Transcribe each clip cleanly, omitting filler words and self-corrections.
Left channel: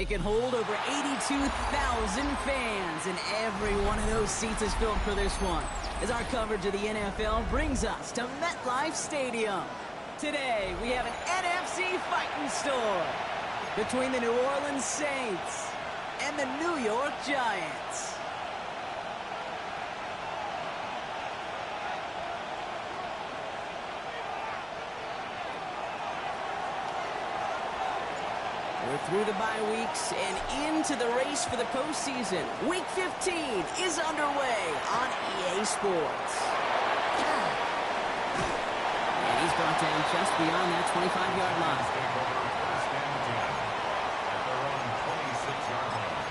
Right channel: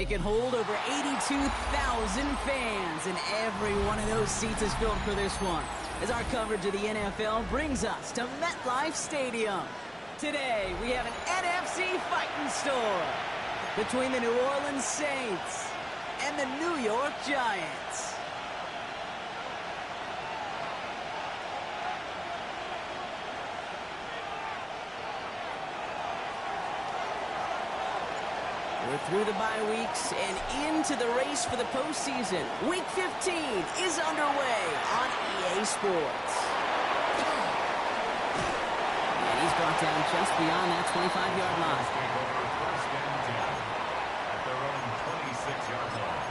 It can hold over 82,000 fans, and every one of those seats is filled for this one, as our coverage of the NFL brings us to MetLife Stadium. Today, we have an NFC fighting store between the New Orleans Saints and the New York Giants. We're through the bye weeks and into the race for the postseason. Week 15 is underway on EA Sports. And he's brought down just beyond that 25-yard line. First and 10 at their own 26-yard line.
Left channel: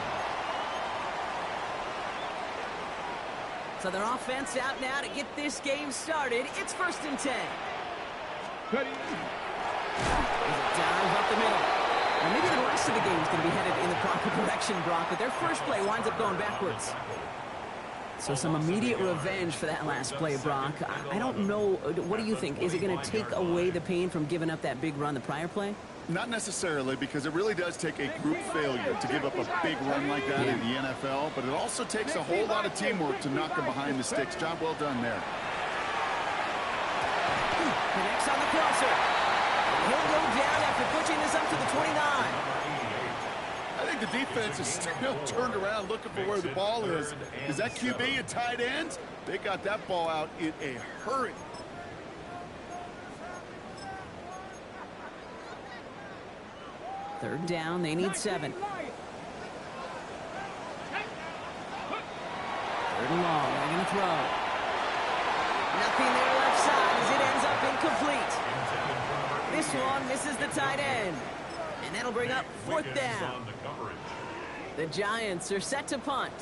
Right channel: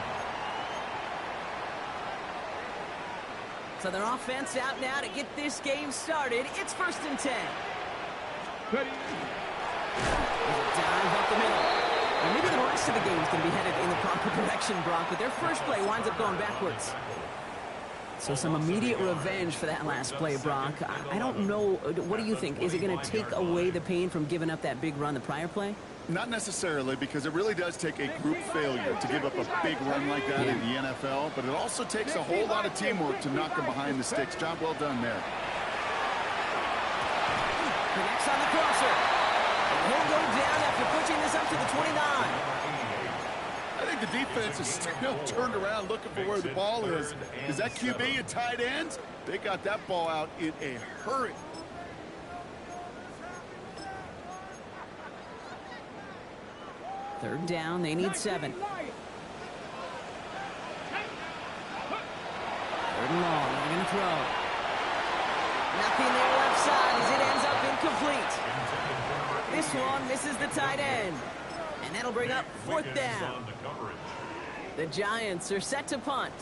So their offense out now to get this game started. It's 1st and 10. Ready. There's a dive up the middle. Now maybe the rest of the game is going to be headed in the proper direction, Brock, but their first play winds up going backwards. So some immediate revenge for that last play, Brock. I don't know. What do you think? Is it going to take away the pain from giving up that big run the prior play? Not necessarily, because it really does take a group failure to give up a big run like that in the NFL, but it also takes a whole lot of teamwork to knock them behind the sticks. Job well done there. Connects on the crosser. And he'll go down after pushing this up to the 29. I think the defense is still turned around looking for where the ball is. Is that QB a tight end? They got that ball out in a hurry. Third down, they need 7. Third and long, they're going to throw. Nothing there left side as it ends up incomplete. This one misses the tight end. And that'll bring up 4th down. The Giants are set to punt.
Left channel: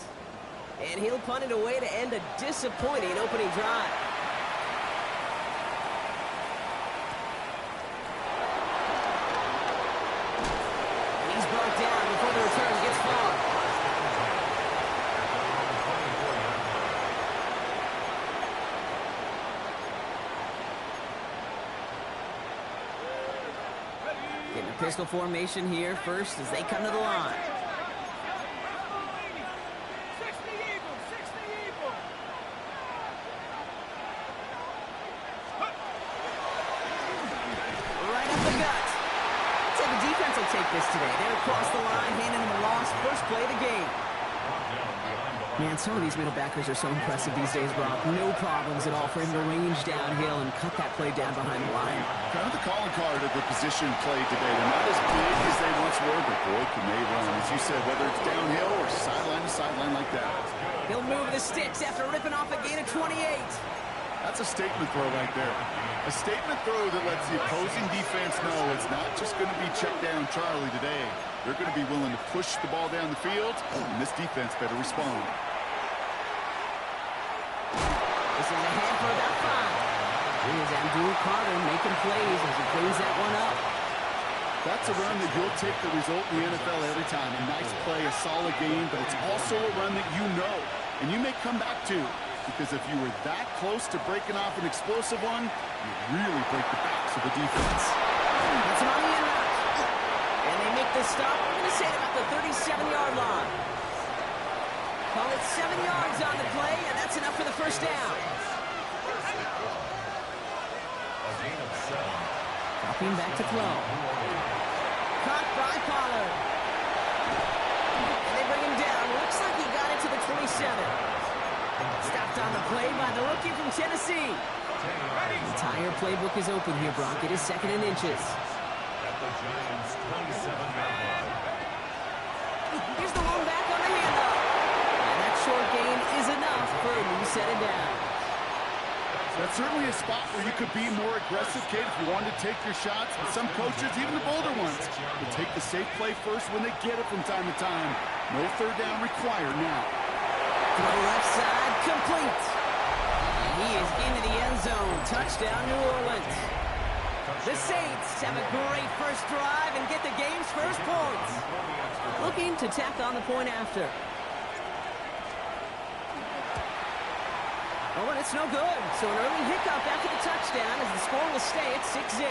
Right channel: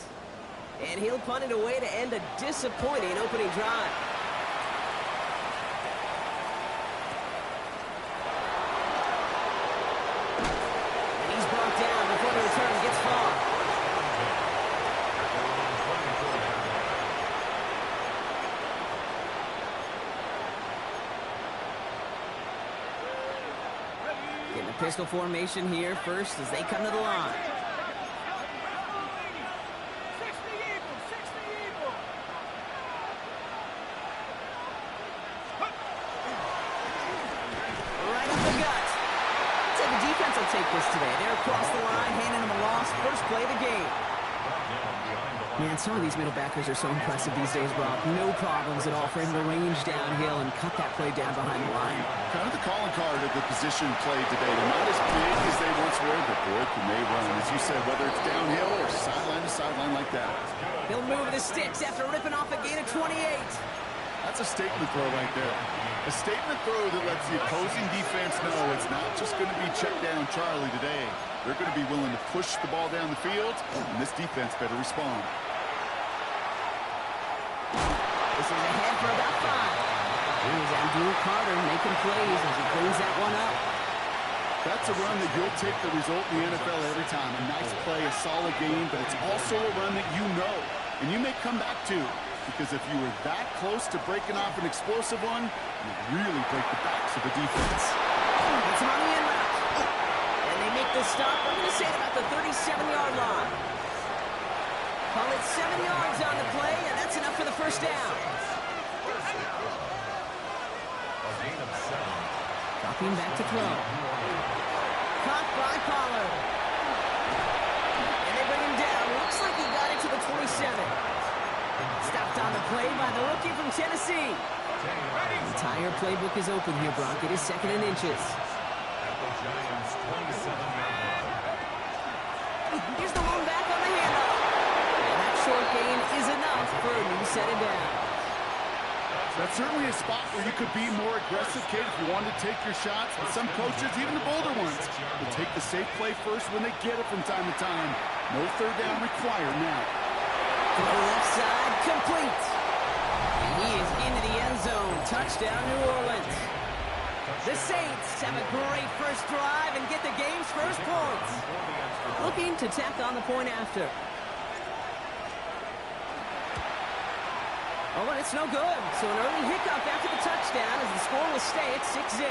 And he'll punt it away to end a disappointing opening drive. And he's brought down before the return gets far. Getting a pistol formation here first as they come to the line. Right up the gut. I'd say the defense will take this today. They're across the line, handing them a loss. First play of the game. Man, some of these middle backers are so impressive these days, Brock. No problems at all for him to range downhill and cut that play down behind the line. Kind of the calling card of the position played today. They're not as big as they once were, but boy, can they run. As you said, whether it's downhill or sideline to sideline like that. He'll move the sticks after ripping off a gain of 28. That's a statement throw right there. A statement throw that lets the opposing defense know it's not just going to be check down Charlie today. They're going to be willing to push the ball down the field, and this defense better respond. This is ahead for about 5. Here's Abdul Carter making plays as he cleans that one up. That's a run that you'll take the result in the NFL every time. A nice play, a solid game, but it's also a run that you know, and you may come back to. Because if you were that close to breaking off an explosive one, you really break the backs of the defense. Gets him on the in route. And they make the stop. We're going to say at about the 37-yard line. Call it 7 yards on the play, and that's enough for the first down. Dropping back to throw. Caught by Pollard. And they bring him down. Looks like he got it to the 27. Stopped on the play by the rookie from Tennessee. The entire playbook is open here, Brock. It is 2nd and inches. At the Giants' 27-yard line. Here's the lone back on the handoff. And that short gain is enough for a new set of downs. That's certainly a spot where you could be more aggressive, kid, if you wanted to take your shots. But some coaches, even the bolder ones, will take the safe play first when they get it from time to time. No third down required now. Throw left side, complete. And he is into the end zone. Touchdown, New Orleans. The Saints have a great first drive and get the game's first points. Looking to tack on the point after. Oh, and it's no good. So an early hiccup after the touchdown as the score will stay at 6-0.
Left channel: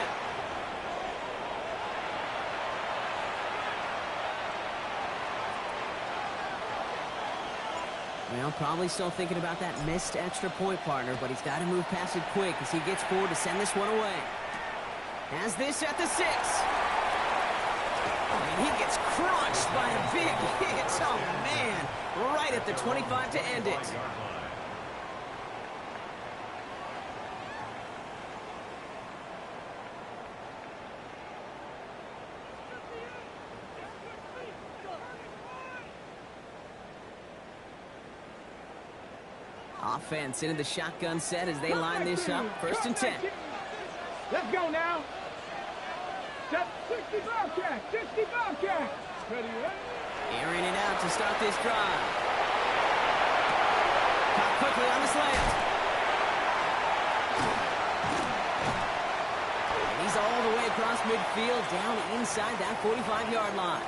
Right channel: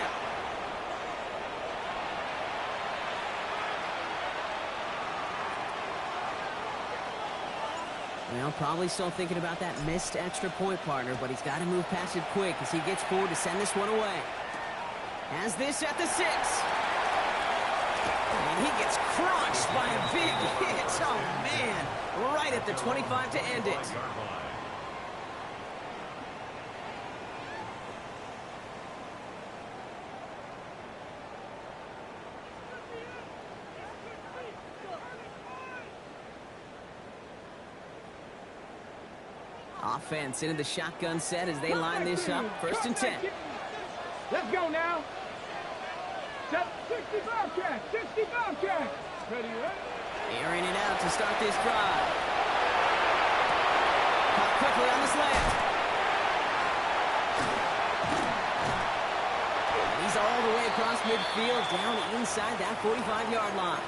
Well, probably still thinking about that missed extra point, partner, but he's got to move past it quick as he gets forward to send this one away. Has this at the 6. And he gets crunched by a big hit. Oh, man. Right at the 25 to end it. Offense into the shotgun set as they line this up. 1st and 10. Let's go now. 60 Bobcat. 60 Bobcat. Ready, ready? Airing it out to start this drive. Caught quickly on this layup. And he's all the way across midfield, down inside that 45-yard line.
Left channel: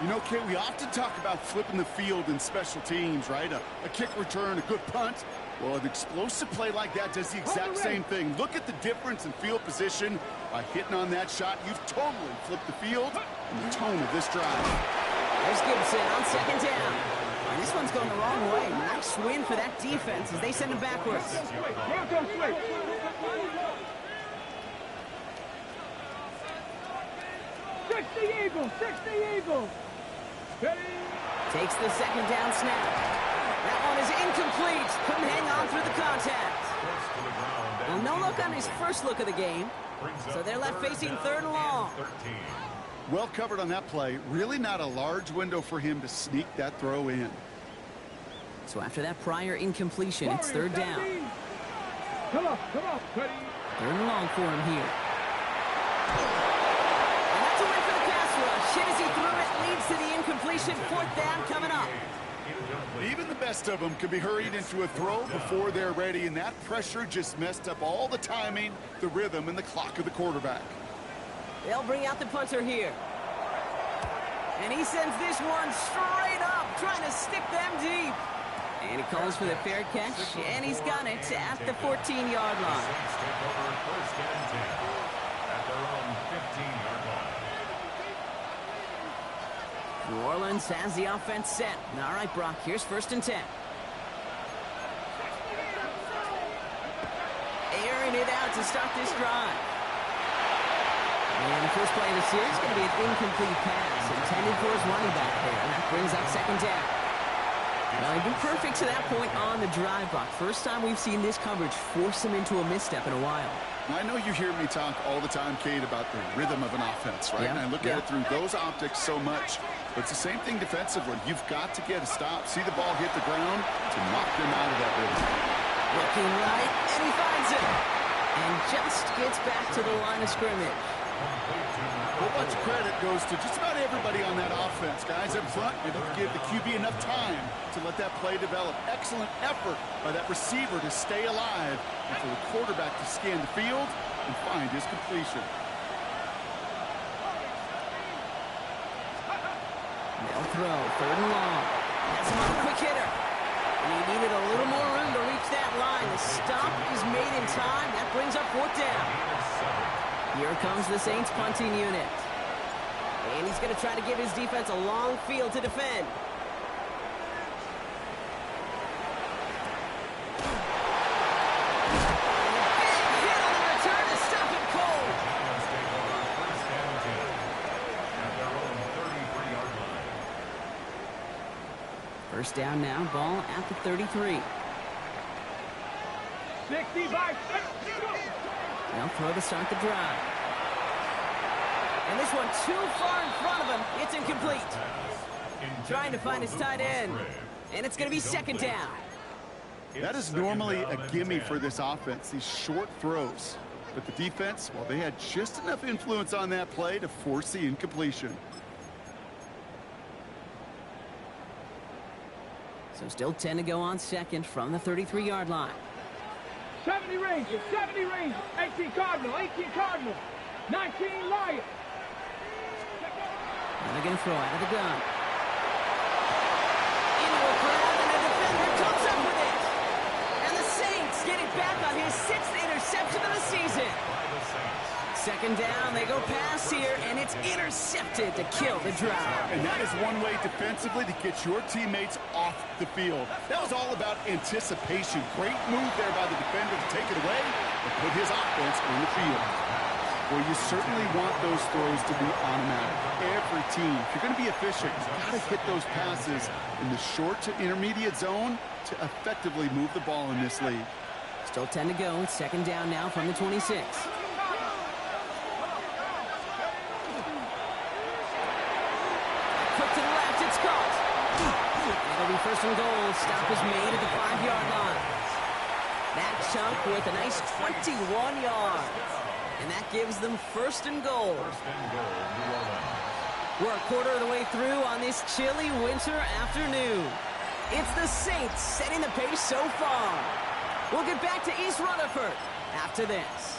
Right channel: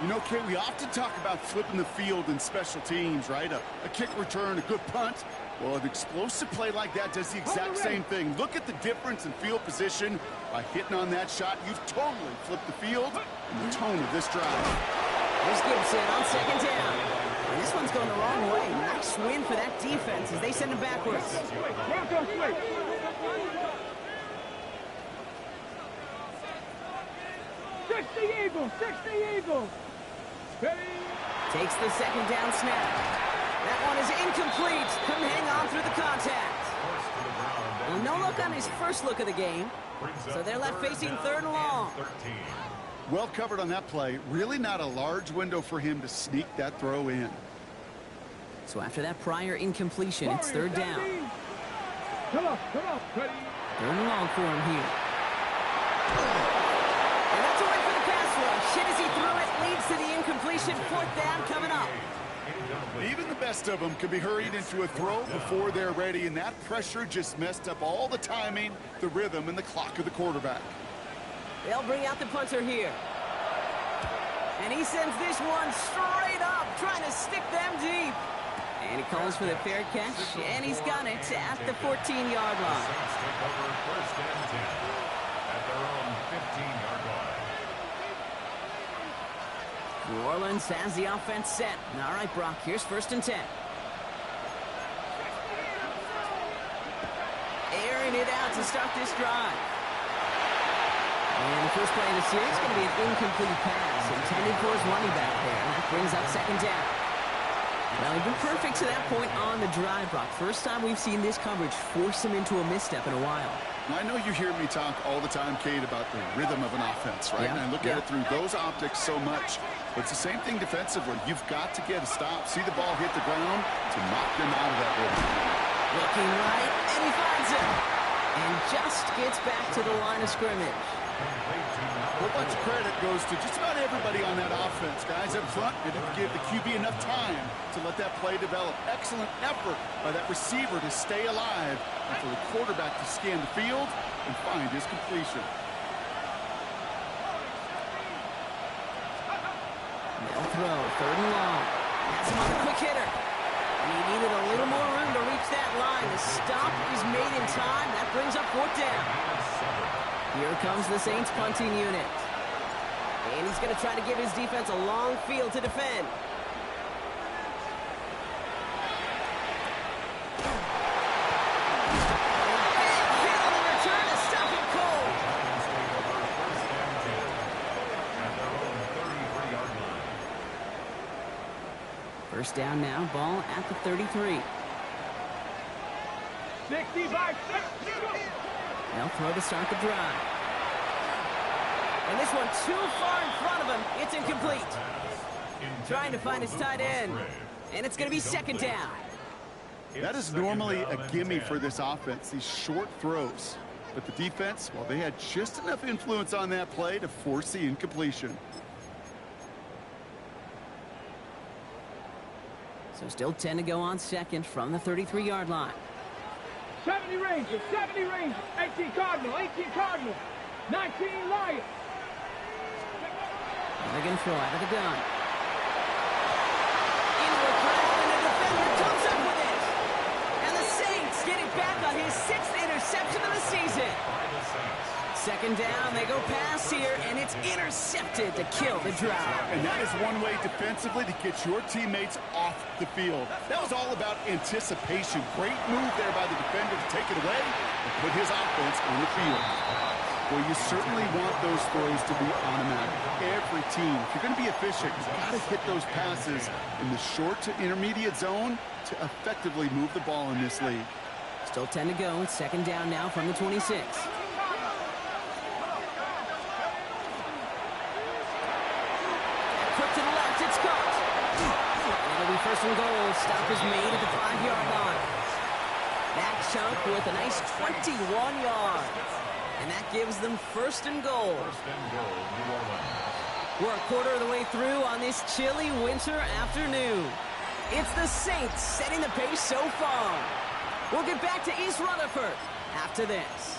You know, Kate, we often talk about flipping the field in special teams, right? A kick return, a good punt. Well, an explosive play like that does the exact same thing. Look at the difference in field position. By hitting on that shot, you've totally flipped the field and the tone of this drive. There's Gibson on 2nd down. And this one's going the wrong way. Nice win for that defense as they send him backwards. 60 Eagles. 60 Eagles. Ready? Takes the 2nd down snap. That one is incomplete. Couldn't hang on through the contact. Well, no look on his first look of the game. So they're left facing 3rd and long. Well covered on that play. Really not a large window for him to sneak that throw in. So after that prior incompletion, it's 3rd down. Come on. Ready? 3rd and long for him here. And that's a win for the pass rush. Hit as he threw it, leads to the incompletion. 4th down coming up. Even the best of them can be hurried into a throw before they're ready, and that pressure just messed up all the timing, the rhythm, and the clock of the quarterback. They'll bring out the punter here. And he sends this one straight up, trying to stick them deep. And he calls for the fair catch, and he's got it at the 14-yard line. Saints take over 1st and 10 at their own 15-yard line. New Orleans has the offense set. All right, Brock, here's 1st and 10. Airing it out to start this drive. And the first play of the series is going to be an incomplete pass intended for his running back there, and that brings up 2nd down. Well, he'd been perfect to that point on the drive, Brock. First time we've seen this coverage force him into a misstep in a while. I know you hear me talk all the time, Kate, about the rhythm of an offense, right? Yeah. And I look at it through those optics so much. But it's the same thing defensively. You've got to get a stop, see the ball hit the ground to knock them out of that rhythm. Looking right, and he finds it. And just gets back to the line of scrimmage. A whole bunch of credit goes to just about everybody on that offense. Guys up front, they didn't give the QB enough time to let that play develop. Excellent effort by that receiver to stay alive and for the quarterback to scan the field and find his completion. They'll throw, 3rd and long. Has him on a quick hitter. And he needed a little more room to reach that line. The stop is made in time. That brings up 4th down. Here comes the Saints punting unit. And he's going to try to give his defense a long field to defend. Big hit on the return to stop him cold. Giants take over 1st and 10 at their own 33-yard line. 1st down now, ball at the 33. 60 by 6. They'll throw to start the drive. And this one too far in front of him. It's incomplete. Trying to find his tight end. And it's going to be 2nd down. That is normally a gimme for this offense, these short throws. But the defense, well, they had just enough influence on that play to force the incompletion. So still 10 to go on 2nd from the 33-yard line. 70 Rangers. 70 Rangers. 18 Cardinal. 18 Cardinal. 19 Lions. And they're going to throw out of the gun. Into a crowd, and a defender comes up with it. And the Saints Saints get it back on his 6th interception of the season. By the Saints. Second down, they go pass here, and it's intercepted to kill the drive. And that is one way defensively to get your teammates off the field. That was all about anticipation. Great move there by the defender to take it away and put his offense on the field. Well, you certainly want those throws to be automatic. Every team, if you're going to be efficient, you've got to hit those passes in the short to intermediate zone to effectively move the ball in this league. Still 10 to go. It's second down now from the 26. Quick to the left, it's caught. And it'll be first and goal. Stop is made at the 5-yard line. That chunk with a nice 21 yards. And that gives them first and goal. First and goal, New Orleans. We're a quarter of the way through on this chilly winter afternoon. It's the Saints setting the pace so far. We'll get back to East Rutherford after this.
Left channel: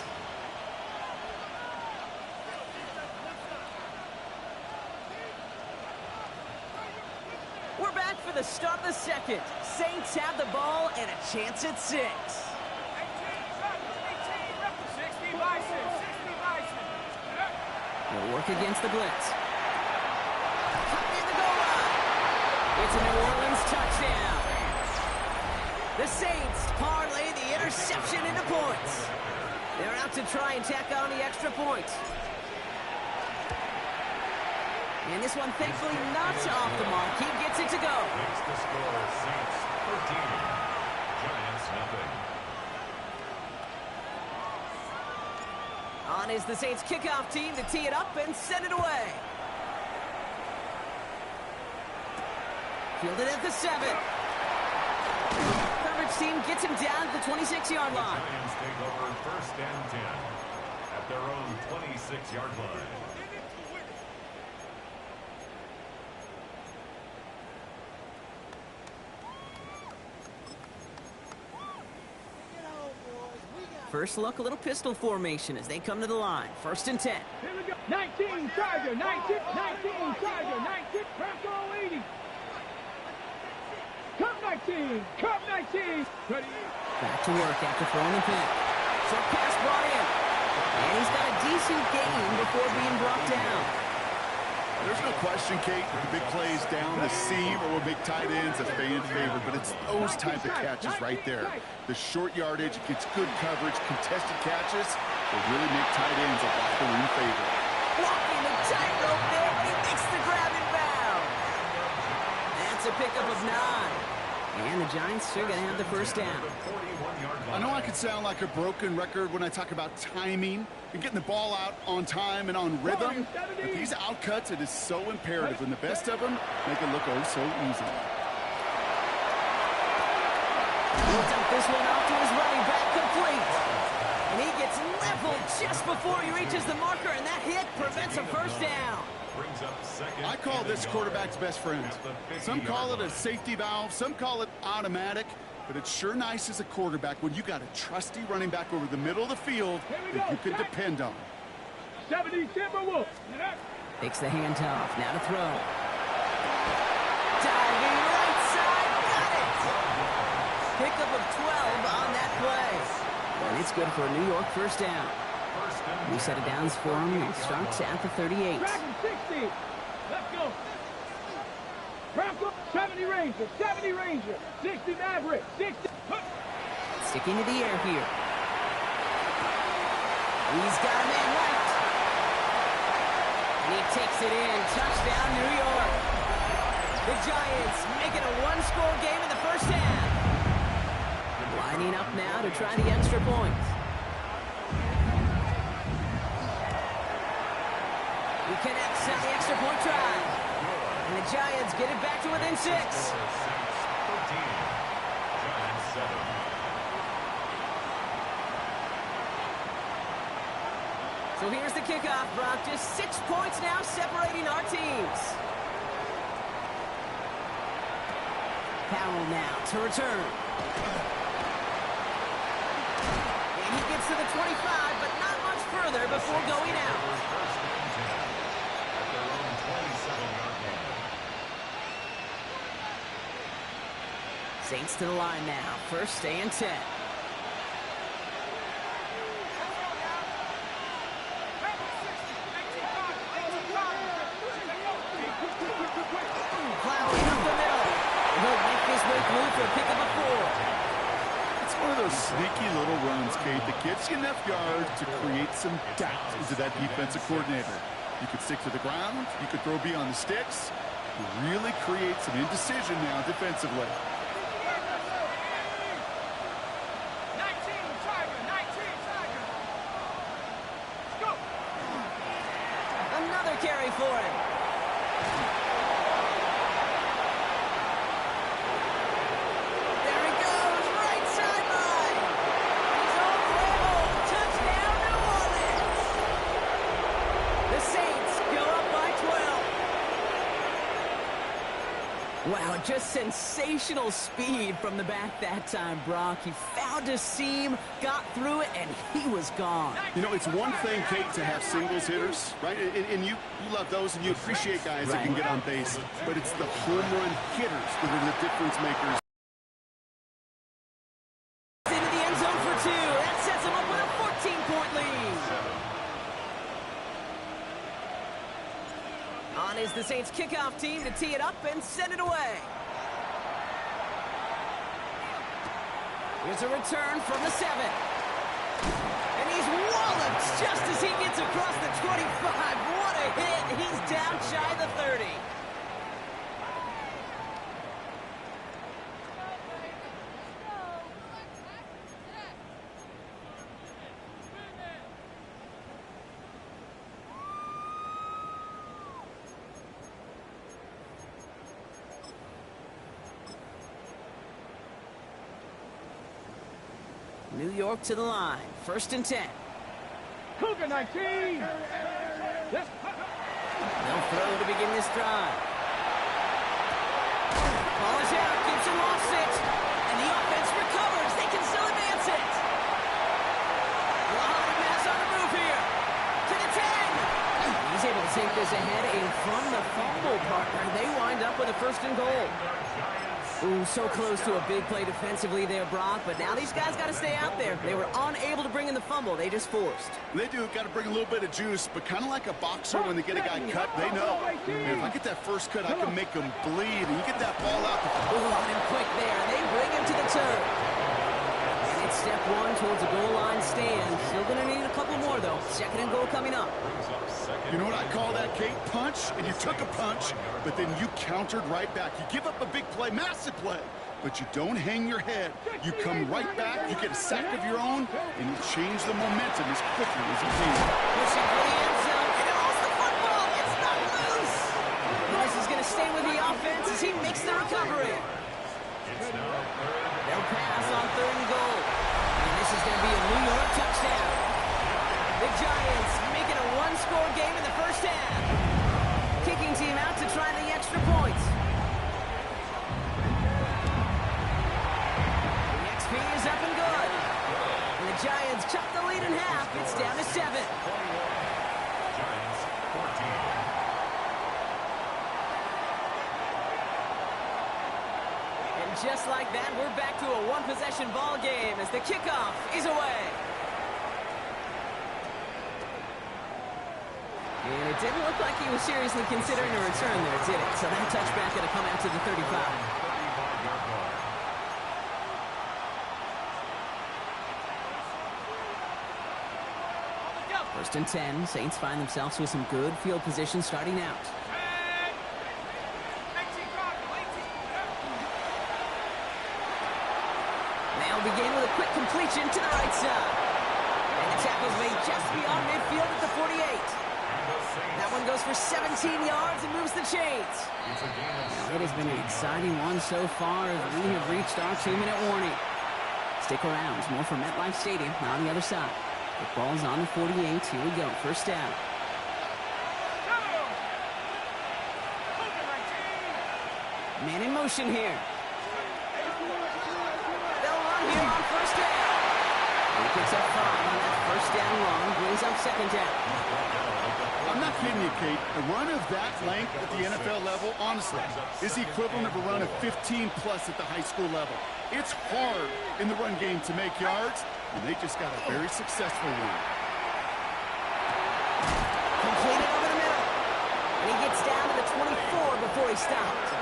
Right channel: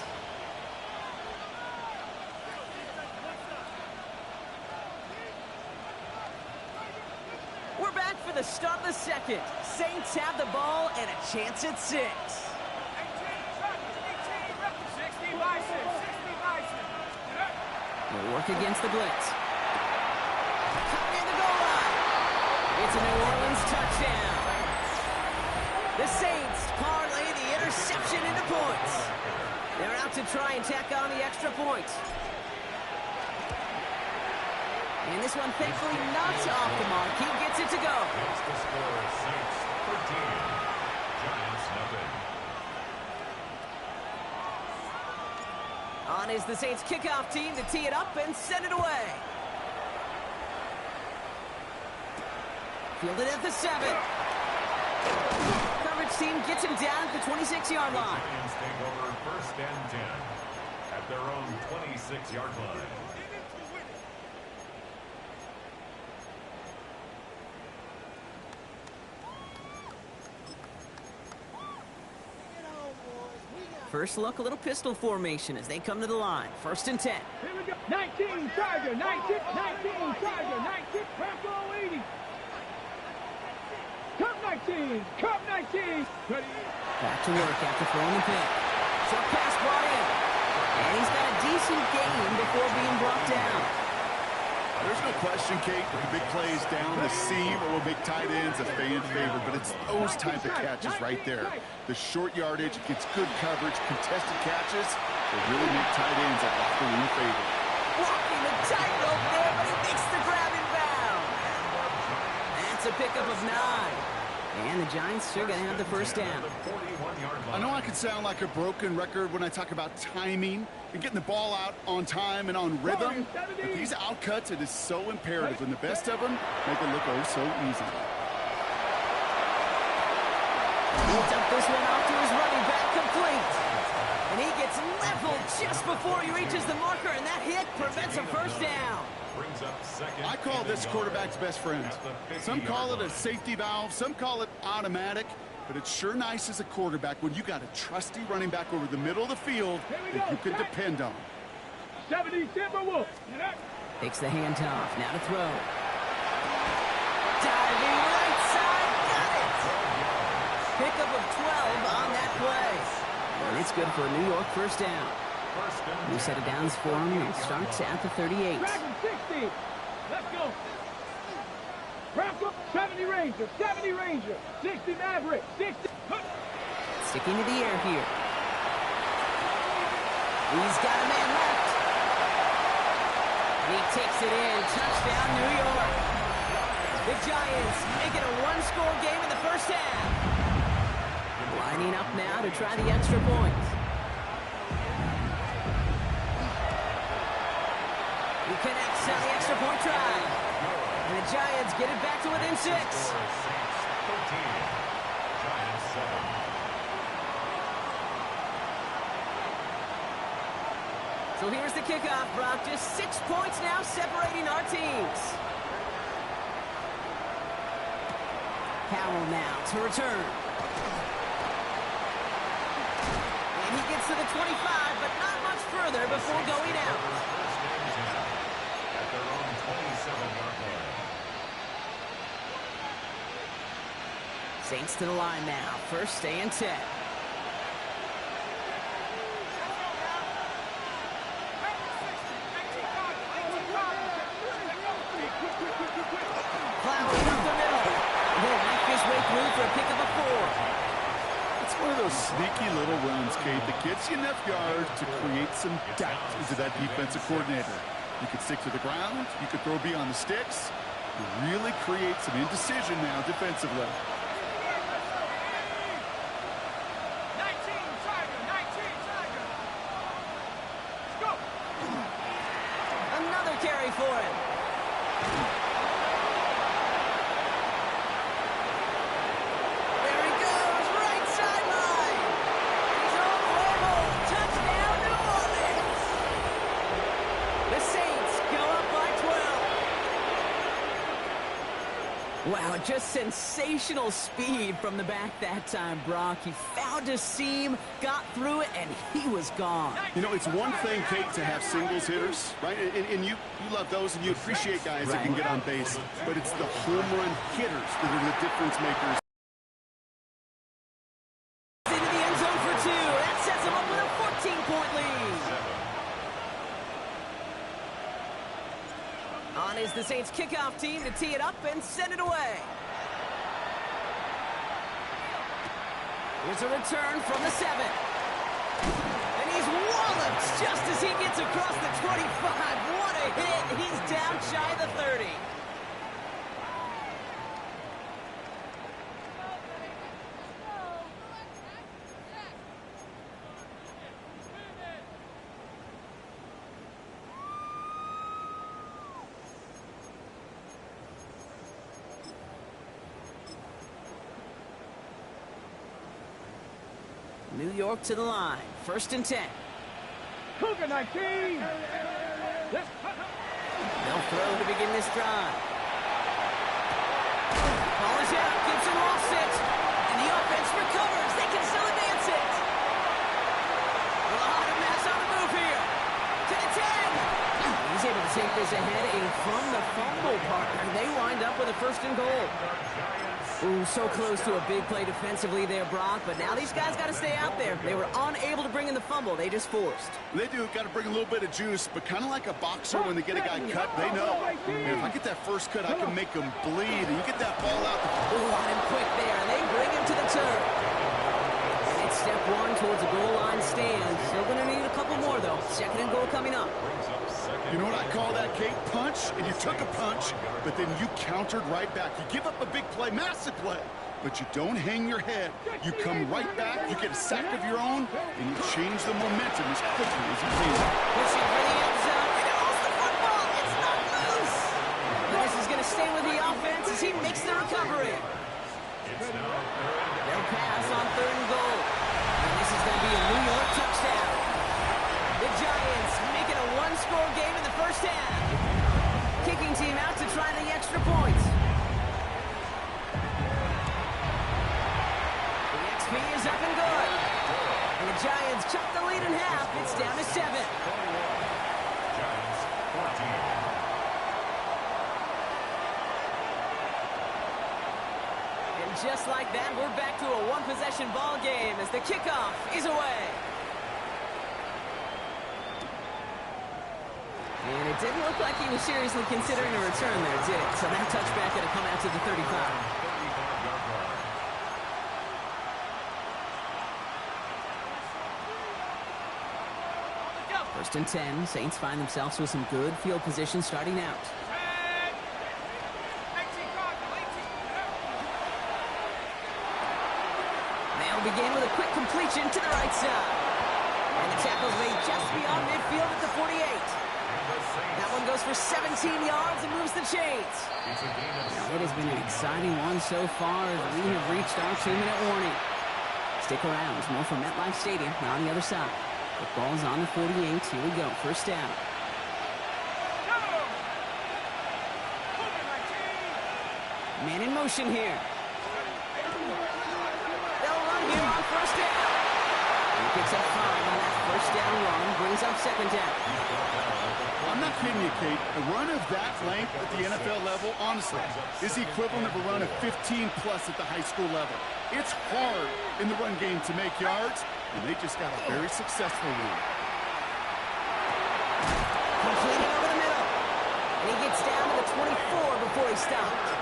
We're back for the start of the second. Saints have the ball and a chance at 6. They'll work against the blitz. Cut near the goal line. It's a New Orleans touchdown. The Saints parlay the interception into points. They're out to try and tack on the extra point. And this one, thankfully, not off the mark. He gets it to go. Makes the score Saints 13, Giants nothing. On is the Saints kickoff team to tee it up and send it away. Fielded at the 7. Coverage team gets him down at the 26-yard line. The Giants take over first and 10 at their own 26-yard line. First look, a little pistol formation as they come to the line. First and 10. Here we go. 19, Charger, 19, Charger, 19, Bronco 80. Cup 19, Cup 19. Ready? Back to work after throwing the pick. Short pass brought in. And he's got a decent gain before being brought down. There's no question, Kate, that the big plays down the seam or will make tight ends a fan favorite, but it's those type of catches right there. The short yardage, it gets good coverage, contested catches will really make tight ends a locker room favorite. Walking the tightrope there, but he makes the grab in bounds. That's a pickup of 9. And the Giants are going to have the first down. I know I can sound like a broken record when I talk about timing and getting the ball out on time and on rhythm, but these outcuts, it is so imperative, and the best of them make it look oh so easy. He'll dump this one off to his running back, complete. And he gets leveled just before he reaches the marker, and that hit prevents a first down. I call this quarterback's best friend. Some call it a safety valve, some call it automatic, but it's sure nice as a quarterback when you got a trusty running back over the middle of the field that you can depend on. 70 Timberwolves. Takes the handoff, now to throw. Diving right side, got it! Pickup of 12 on that play. And it's good for a New York first down. New set of downs for him. It starts at the 38. Dragon 60. Let's go. Bronco 70 Ranger, 70 Ranger, 60 Maverick, 60. Sticking to the air here. He's got a man left. And he takes it in. Touchdown, New York. The Giants make it a one-score game in the first half. Lining up now to try the extra point. He connects on the extra point try. And the Giants get it back to within 6. Saints 13, Giants 7. So here's the kickoff, Brock. Just 6 points now separating our teams. Powell now to return. And he gets to the 25, but not much further before going out. First and 10 at their own 27-yard line. Saints to the line now. First and 10. he'll knife his way through for a pick of a 4. It's one of those sneaky little runs, Kate, that gets you enough yards to create some doubt into that defensive coordinator. You could stick to the ground. You could throw beyond the sticks. You really create some indecision now defensively. 19, Tiger, 19, Tiger. Let's go. Another carry for him. There he goes, right sideline. And he's all the way home. Touchdown, New Orleans. The Saints go up by 12. Wow, just sensational speed from the back that time, Brock. He found a seam, got through it, and he was gone. You know, it's one thing, Kate, to have singles hitters, right? And you love those, and you appreciate guys that can get on base. But it's the home run hitters that are the difference makers. Into the end zone for 2. That sets him up with a 14-point lead. On is the Saints kickoff team to tee it up and send it away. Here's a return from the 7. And he's walloped just as he gets across the 25. What a hit. He's down shy of the 30. New York to the line. 1st and 10. Cougar 19. They'll throw to begin this drive. Ball is out. Gibson lost it. And the offense recovers. They can still advance it. A lot of mass on the move here. To the 10. He's able to take this ahead, and from the fumble partner, they wind up with a 1st and goal. Ooh, so close to a big play defensively there, Brock, but now these guys got to stay out there. They were unable to bring in the fumble. They just forced. They do. Got to bring a little bit of juice, but kind of like a boxer when they get a guy cut, they know. Man, if I get that first cut, I can make him bleed, and you get that ball out. Ooh, on him quick there, and they bring him to the turf. And it's step 1 towards a goal line stand. Still going to need a couple more, though. 2nd and goal coming up. You know what I call that, Kate? Punch, and you took a punch, but then you countered right back. You give up a big play, massive play, but you don't hang your head. You come right back, you get a sack of your own, and you change the momentum as quickly as you can. Pushing for the end zone, and he lost the football. It's not loose. This is going to stay with the offense as he makes the recovery. They'll pass on 3rd and goal. And this is going to be a New York touchdown. The Giants making a 1-score game in the 1st half. Kicking team out to try the extra points. The XP is up and good. And the Giants chop the lead in half. It's down to 7. Giants 14. And just like that, we're back to a 1-possession ball game as the kickoff is away. And it didn't look like he was seriously considering a return there, did it? So that touchback going to come out to the 35. 35-yard line. First and 10. Saints find themselves with some good field position starting out. They'll begin with a quick completion to the right side. And the tackle's made just beyond midfield at the 48. That one goes for 17 yards and moves the chains. Now, it has been an exciting one so far as we have reached our 2-minute warning. Stick around. There's more from MetLife Stadium on the other side. The ball's on the 48. Here we go. 1st down. Man in motion here. They'll run here on 1st down. He picks up 5 on that 1st down run. Brings up 2nd down. I'm not kidding you, Kate. A run of that length at the NFL level, honestly, is the equivalent of a run of 15-plus at the high school level. It's hard in the run game to make yards, and they just got a very successful one. Completed over the middle. And he gets down to the 24 before he stopped.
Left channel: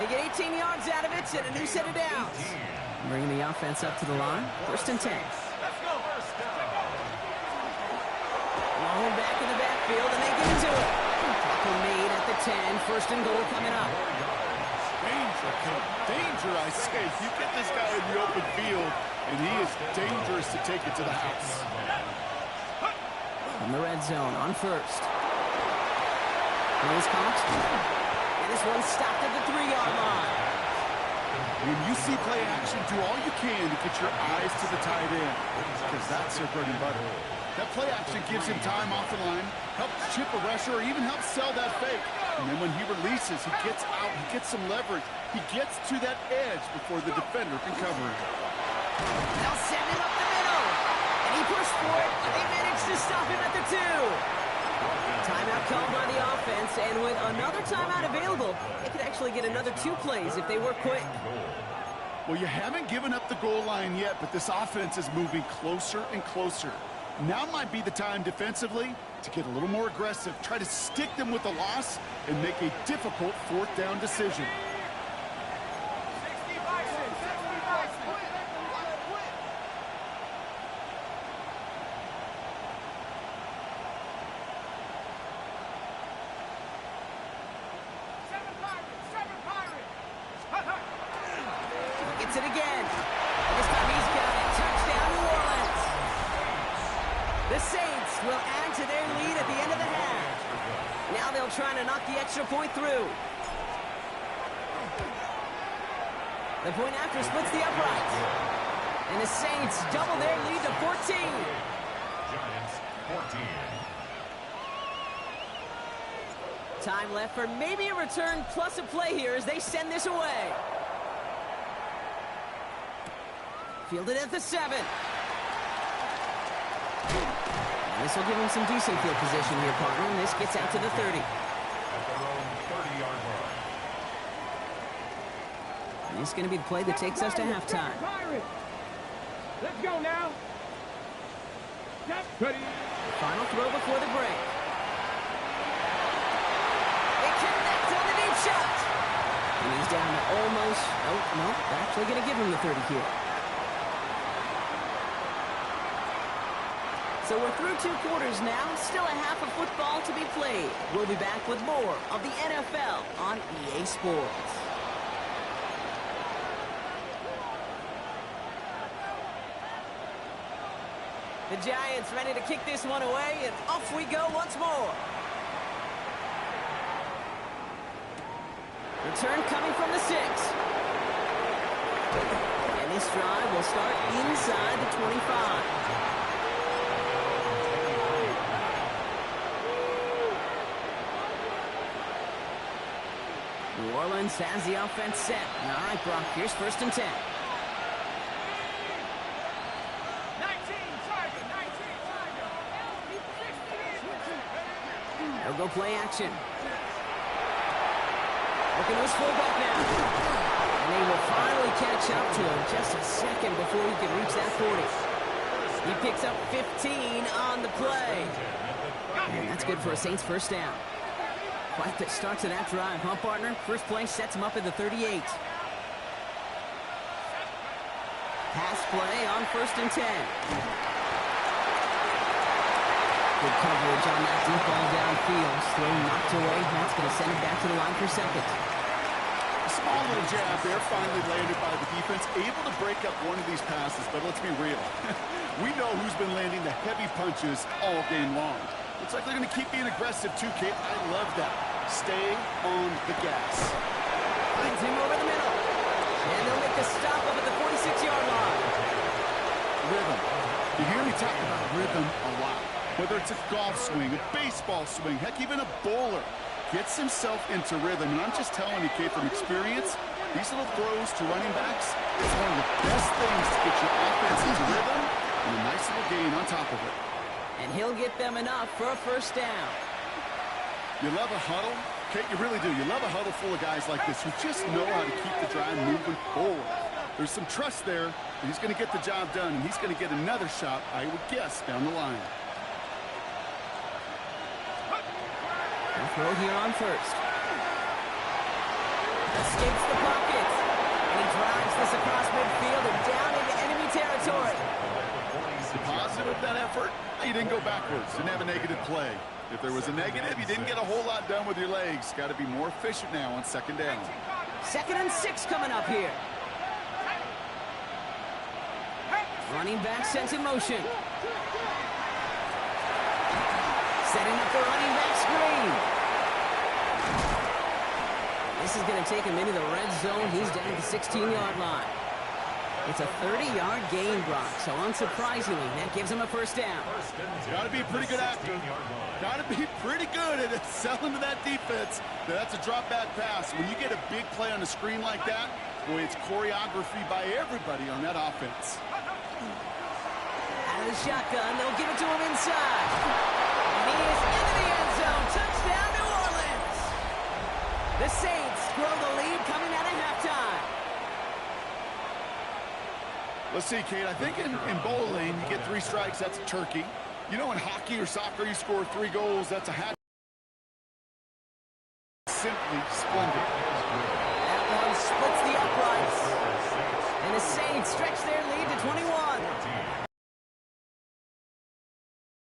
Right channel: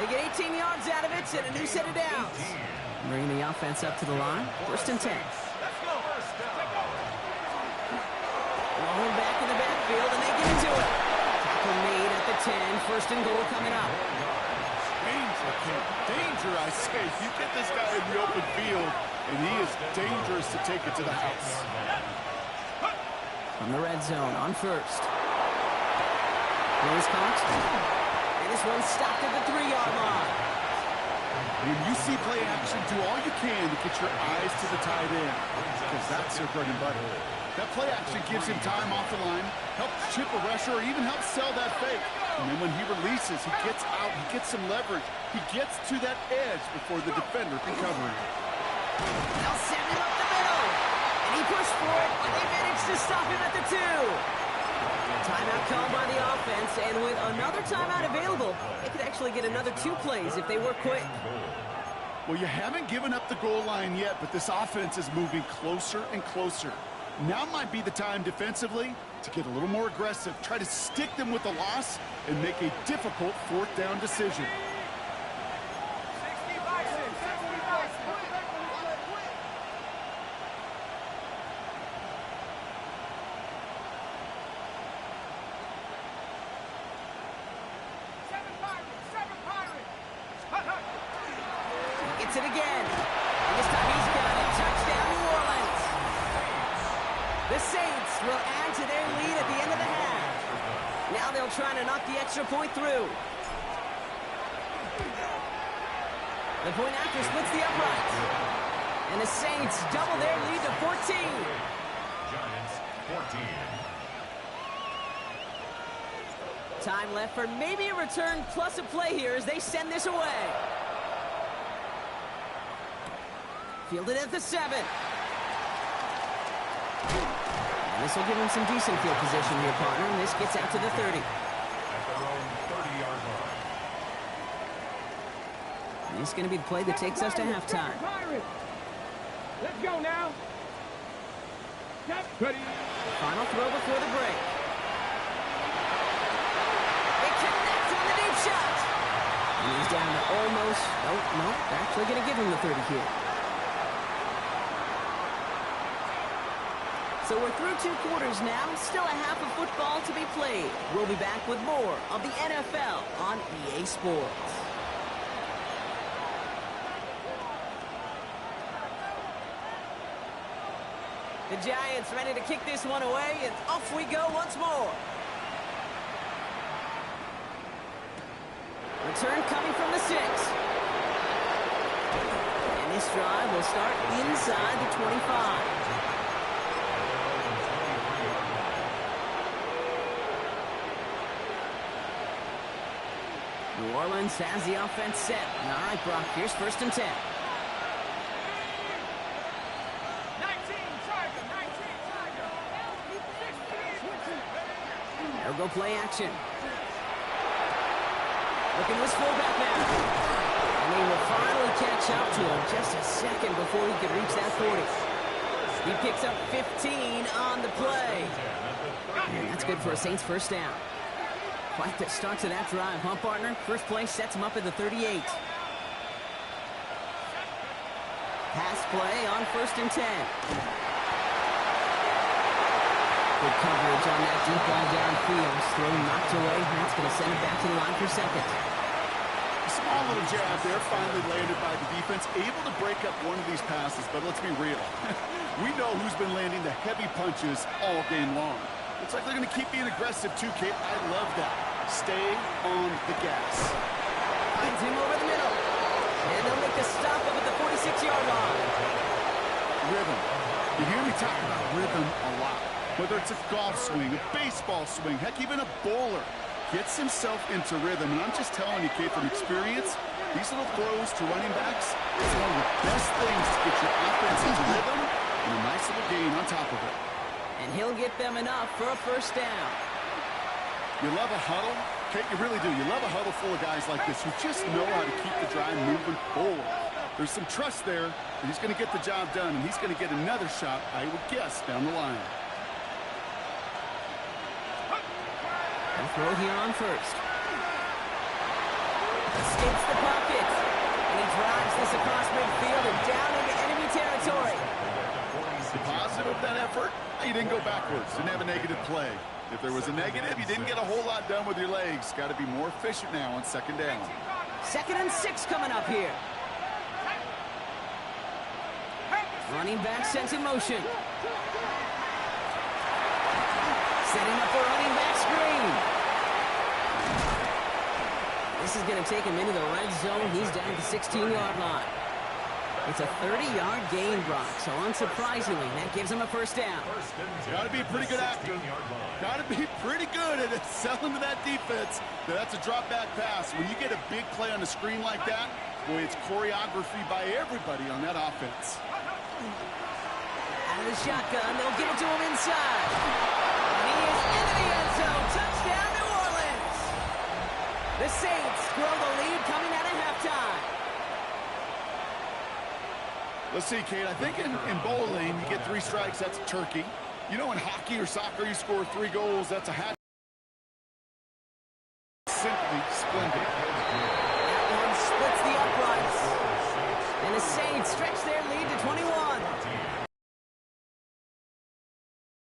They get 18 yards out of it and a new set of downs. Bringing the offense up to the line. 1st and 10. Let's go. First down. Long back in the backfield, and they get into it. Tackle made at the 10. 1st and goal coming up. Danger, Kate. Danger, I say. You get this guy in the open field, and he is dangerous to take it to the house. From the red zone on 1st. Nose caught. And this one stopped at the 3-yard line. When you see play action, do all you can to get your eyes to the tight end, because that's their bread and butter. That play action gives him time off the line, helps chip a rusher, or even helps sell that fake. And then when he releases, he gets out, he gets some leverage. He gets to that edge before the defender can cover him. They'll send him up the middle. And he pushed for it, but they managed to stop him at the 2. Timeout called by the offense, and with another timeout available, they could actually get another 2 plays if they were quick. Well, you haven't given up the goal line yet, but this offense is moving closer and closer. Now might be the time defensively to get a little more aggressive, try to stick them with the loss, and make a difficult 4th down decision. Gets it again. And this time he's got it. Touchdown, New Orleans. The Saints will add to their lead at the end of the half. Now they'll try to knock the extra point through. The point after splits the uprights. And the Saints double their lead to 14. Giants 14. Time left for maybe a return plus a play here as they send this away. Fielded at the 7. And this will give him some decent field position here, partner. And this gets out to the 30. At their own 30-yard line. And this is going to be the play that takes us to halftime. Let's go now. Ready. Final throw before the break. They connect on the deep shot. And he's down to almost... Oh, no. They're actually going to give him the 30 here. So we're through 2 quarters now. Still a half of football to be played. We'll be back with more of the NFL on EA Sports. The Giants ready to kick this one away, and off we go once more. Return coming from the 6. And this drive will start inside the 25. New Orleans has the offense set. All right, Brock, here's 1st and 10. 19, Tiger, 19, Tiger. They'll go play action. Looking to his fullback now. And they will finally catch up to him just a second before he can reach that 40. He picks up 15 on the play. And that's good for a Saints 1st down. Quite the start to that drive, huh, partner? First play sets him up at the 38. Pass play on 1st and 10. Good coverage on that deep ball downfield. Throw knocked away. That's going to send it back to the line for 2nd. A small little jab there, finally landed by the defense. Able to break up one of these passes, but let's be real. We know who's been landing the heavy punches all game long. Looks like they're going to keep being aggressive too, Kate. I love that. Stay on the gas. Finds him over the middle. And they'll make the stop up at the 46-yard line. Rhythm. You hear me talk about rhythm a lot. Whether it's a golf swing, a baseball swing, heck, even a bowler. Gets himself into rhythm. And I'm just telling you, Kate, from experience, these little throws to running backs, it's one of the best things to get your offense into rhythm and a nice little gain on top of it. And he'll get them enough for a 1st down. You love a huddle? Kate, you really do. You love a huddle full of guys like this who just know how to keep the drive moving forward. There's some trust there that he's going to get the job done, and he's going to get another shot, I would guess, down the line. And throw here on 1st. Escapes the pocket. And he drives this across midfield and down into enemy territory. The positive of that effort, you didn't go backwards. Didn't have a negative play. If there was a negative, you didn't get a whole lot done with your legs. Got to be more efficient now on second down. 2nd and 6 coming up here. Running back sent in motion. Setting up the running back screen. This is going to take him into the red zone. He's down at the 16-yard line. It's a 30-yard gain, Brock, so unsurprisingly, that gives him a first down. Got to be a pretty good actor. Got to be pretty good at selling to that defense. That's a drop-back pass. When you get a big play on a screen like that, boy, it's choreography by everybody on that offense. Out of the shotgun, they'll give it to him inside. And he is into the end zone. Touchdown, New Orleans. The Saints grow the lead coming out of halftime. Let's see, Kate. I think in bowling, you get 3 strikes, that's a turkey. You know, in hockey or soccer, you score 3 goals, that's a hat. Simply splendid. That one splits the uprights. And the Saints stretch their lead to 21.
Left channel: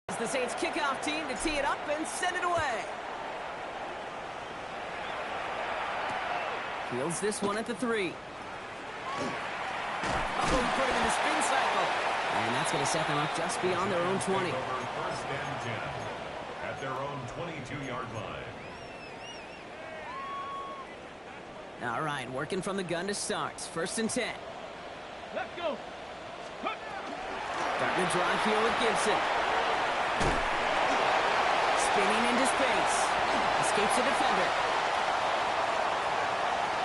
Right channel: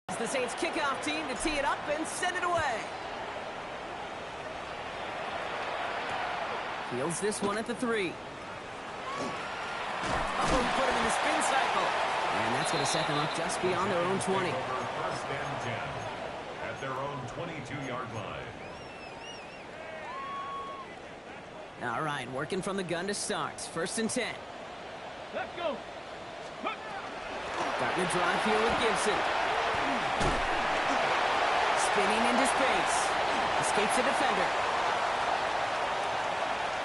It's the Saints kickoff team to tee it up and send it away. Fields this one at the 3. Oh, he put him in the spin cycle. And that's going to set them up just beyond their own 20. 1st and 10 at their own 22-yard line. All right, working from the gun to start. 1st and 10. Let's go. Starting the drive here with Gibson. Spinning into space. Escapes the defender.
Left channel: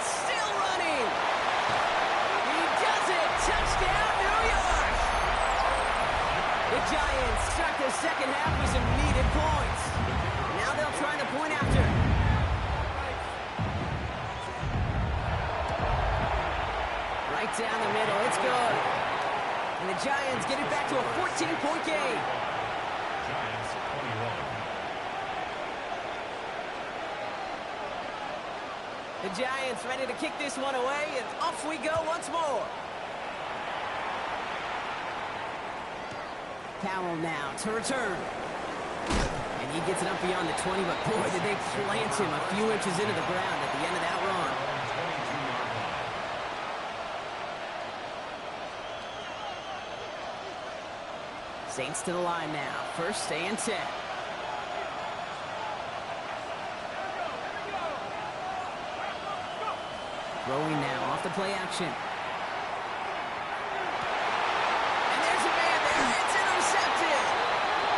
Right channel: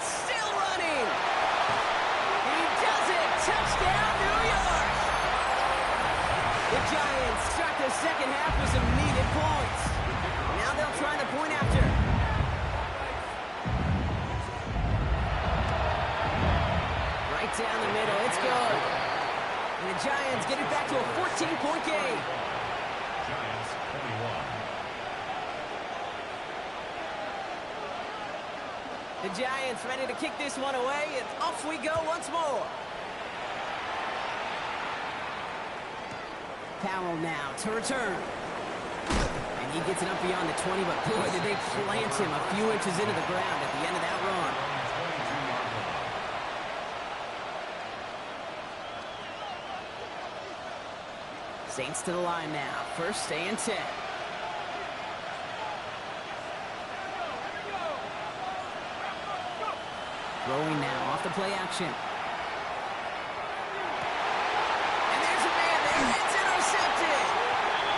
Still running. He does it. Touchdown, New York. The Giants start the second half with some needed points. Now they'll try the point after. Right down the middle. It's good. And the Giants get it back to a 14-point game. Giants 21. The Giants ready to kick this one away, and off we go once more. Powell now to return. And he gets it up beyond the 20, but boy, did they plant him a few inches into the ground at the end of that run. 22-yard line. Saints to the line now. 1st and 10. Throwing now off the play action. And there's a man there. It's intercepted.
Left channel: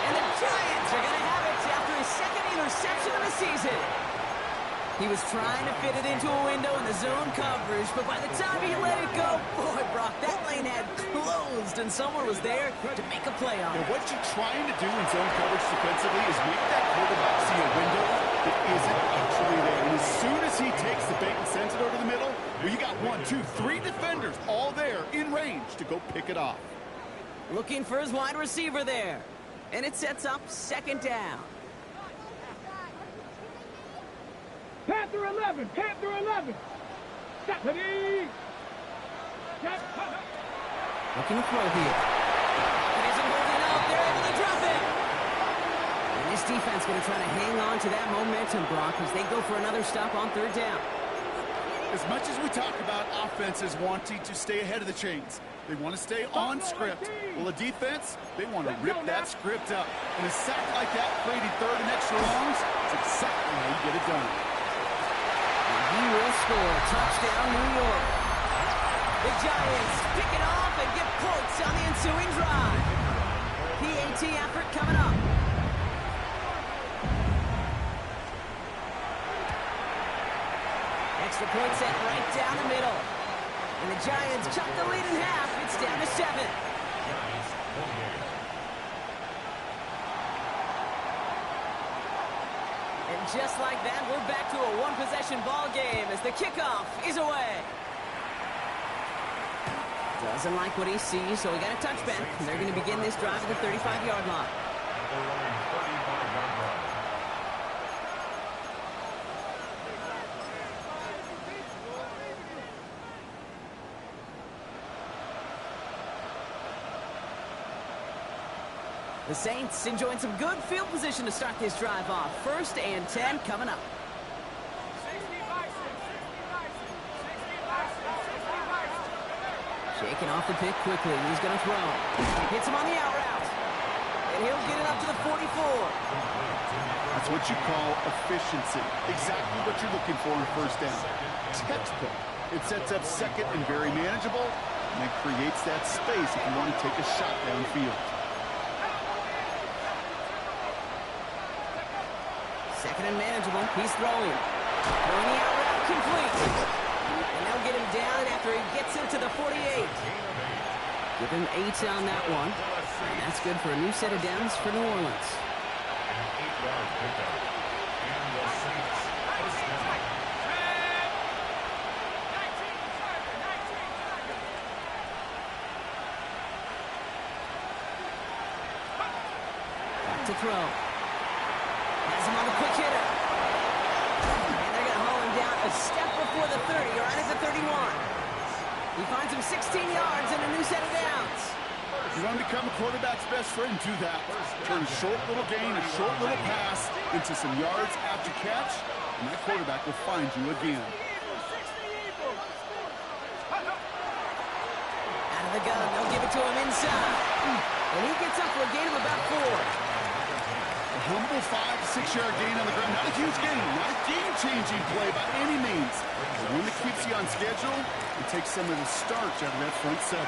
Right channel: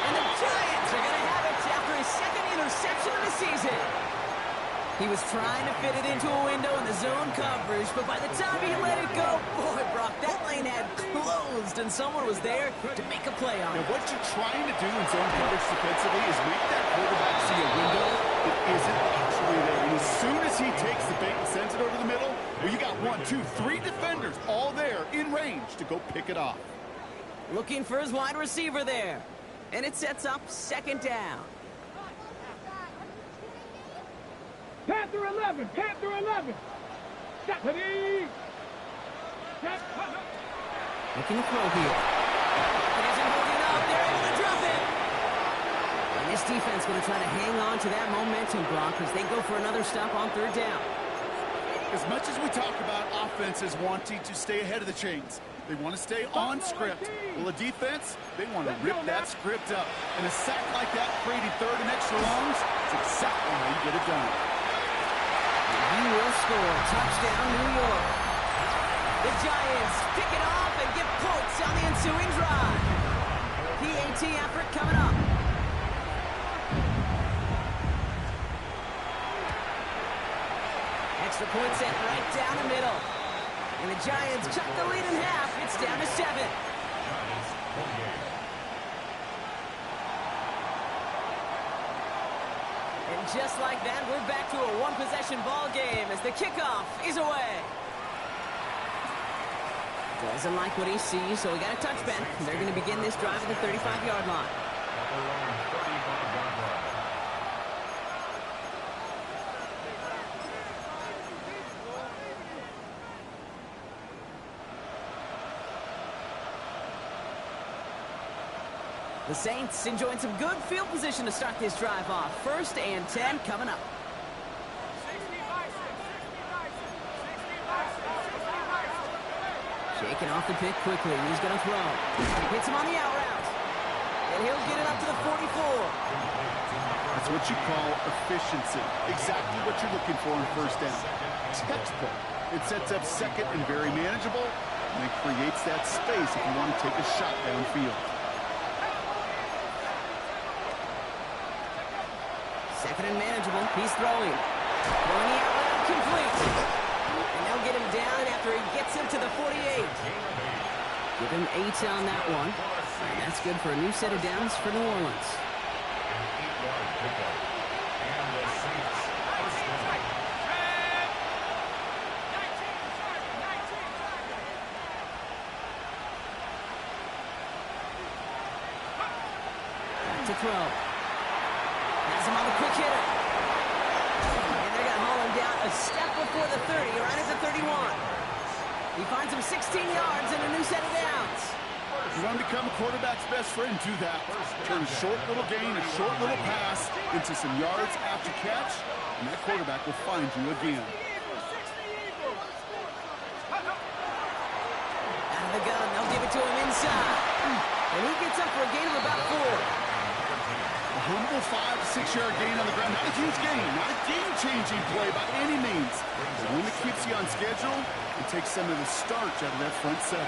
And the Giants are going to have it after his 2nd interception of the season. He was trying to fit it into a window in the zone coverage, but by the time he let it go, boy, Brock, that lane had closed, and someone was there to make a play on it. Now, what you're trying to do in zone coverage defensively is make that quarterback see a window that isn't actually there. And as soon as he takes the bait and sends it over the middle, well, you got 1, 2, 3 defenders all there in range to go pick it off. Looking for his wide receiver there. And it sets up 2nd down. Panther 11. Panther 11. Step. Ready. Step. Looking to throw here. It isn't holding up. They're able to drop it. And this defense going to try to hang on to that momentum, Brock, as they go for another stop on 3rd down. As much as we talk about offenses wanting to stay ahead of the chains, they want to stay on script. Well, the defense, they want to rip that script up. And a sack like that, creating 3rd and extra longs, is exactly how you get it done. And he will score. Touchdown, New York. The Giants pick it off and get points on the ensuing drive. PAT effort coming up. Extra point set right down the middle. And the Giants cut the lead in half. It's down to 7. Giants 48. And just like that, we're back to a one-possession ball game as the kickoff is away. Doesn't like what he sees, so we got a touchback. And they're going to begin this drive at the 35-yard line. At their own 35-yard line. The Saints enjoying some good field position to start this drive off. 1st and 10 coming up. Shaking off the pick quickly. He's going to throw. Hits him on the out route. And he'll get it up to the 44. That's what you call efficiency. Exactly what you're looking for in 1st down. Textbook. It sets up 2nd and very manageable, and it creates that space if you want to take a shot downfield. 2nd and manageable. He's throwing. Throwing the out route complete. And they'll get him down after he gets into the 48. Give him 8 on that one. And that's good for a new set of downs for New Orleans. An 8-yard pickup. And the Saints first down. Back to throw. Has him on the quick hitter. And they're going to haul him down a step before the 30, right at the 31. He finds him 16 yards and a new set of downs. You want to become a quarterback's best friend, do that. Turn a short little gain, a short little pass into some yards after catch, and that quarterback will find you again. Out of the gun, they'll give it to him inside. And he gets up for a gain of about 4. A humble 5 to 6 yard gain on the ground. Not a huge gain, not a game-changing play by any means. But one that keeps you on schedule and takes some of the starch out of that front 7.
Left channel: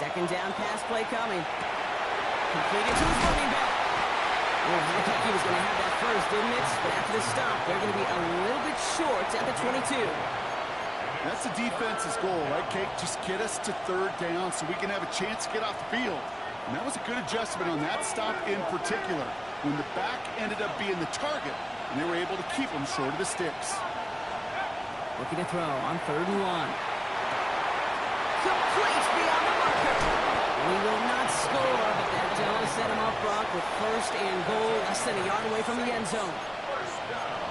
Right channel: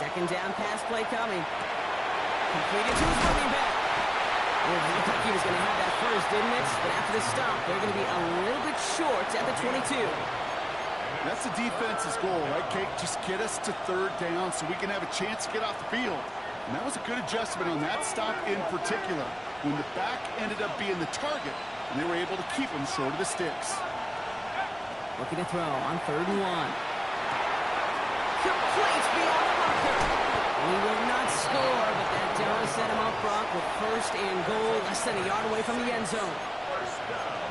Second down pass play coming. Completed to his running back. Well, it looked like he was going to have that first, didn't it? But after the stop, they're going to be a little bit short at the 22. That's the defense's goal, right, Kate? Just get us to 3rd down so we can have a chance to get off the field. And that was a good adjustment on that stop in particular, when the back ended up being the target, and they were able to keep him short of the sticks. Looking to throw on 3rd and 1. Complete beyond the marker. He will not score, but that does set him up, Brock, with 1st and goal, less than a yard away from the end zone.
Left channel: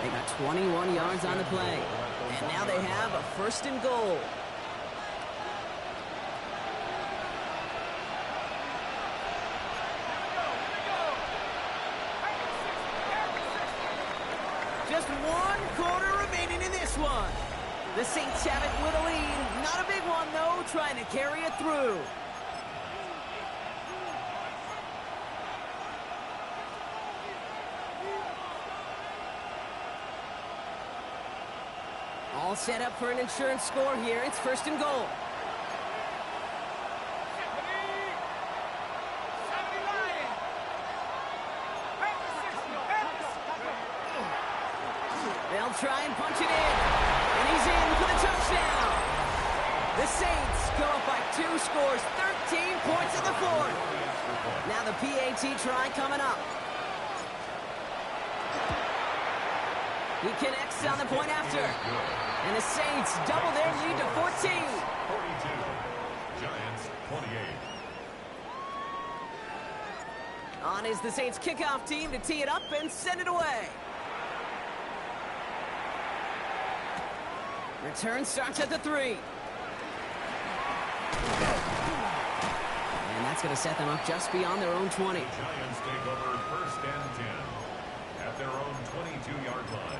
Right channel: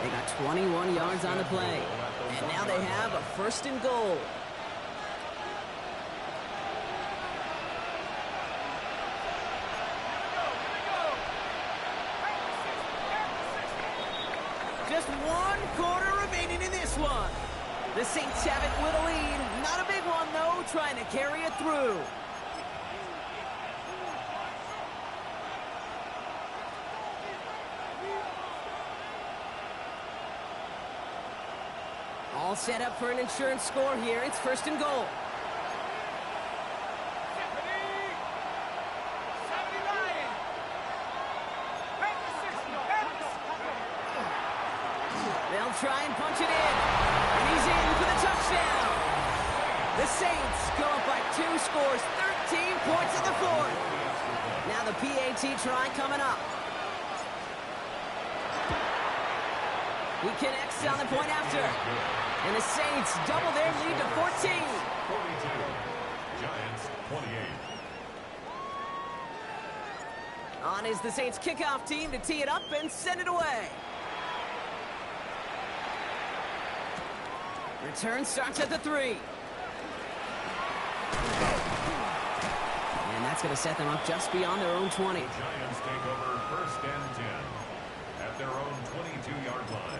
They got 21 yards on the play, and now they have a 1st and goal. Just 1 quarter remaining in this one. The Saints have it with a lead. Not a big one, though, trying to carry it through. All set up for an insurance score here. It's 1st and goal. They'll try and punch it in. And he's in for the touchdown. The Saints go up by 2 scores, 13 points in the 4th. Now the PAT try coming up. He connects on the point after. And the Saints double their lead to 14. 42. Giants 28. On is the Saints kickoff team to tee it up and send it away. Return starts at the 3. And that's going to set them up just beyond their own 20. The Giants take over 1st and 10 at their own 22-yard line.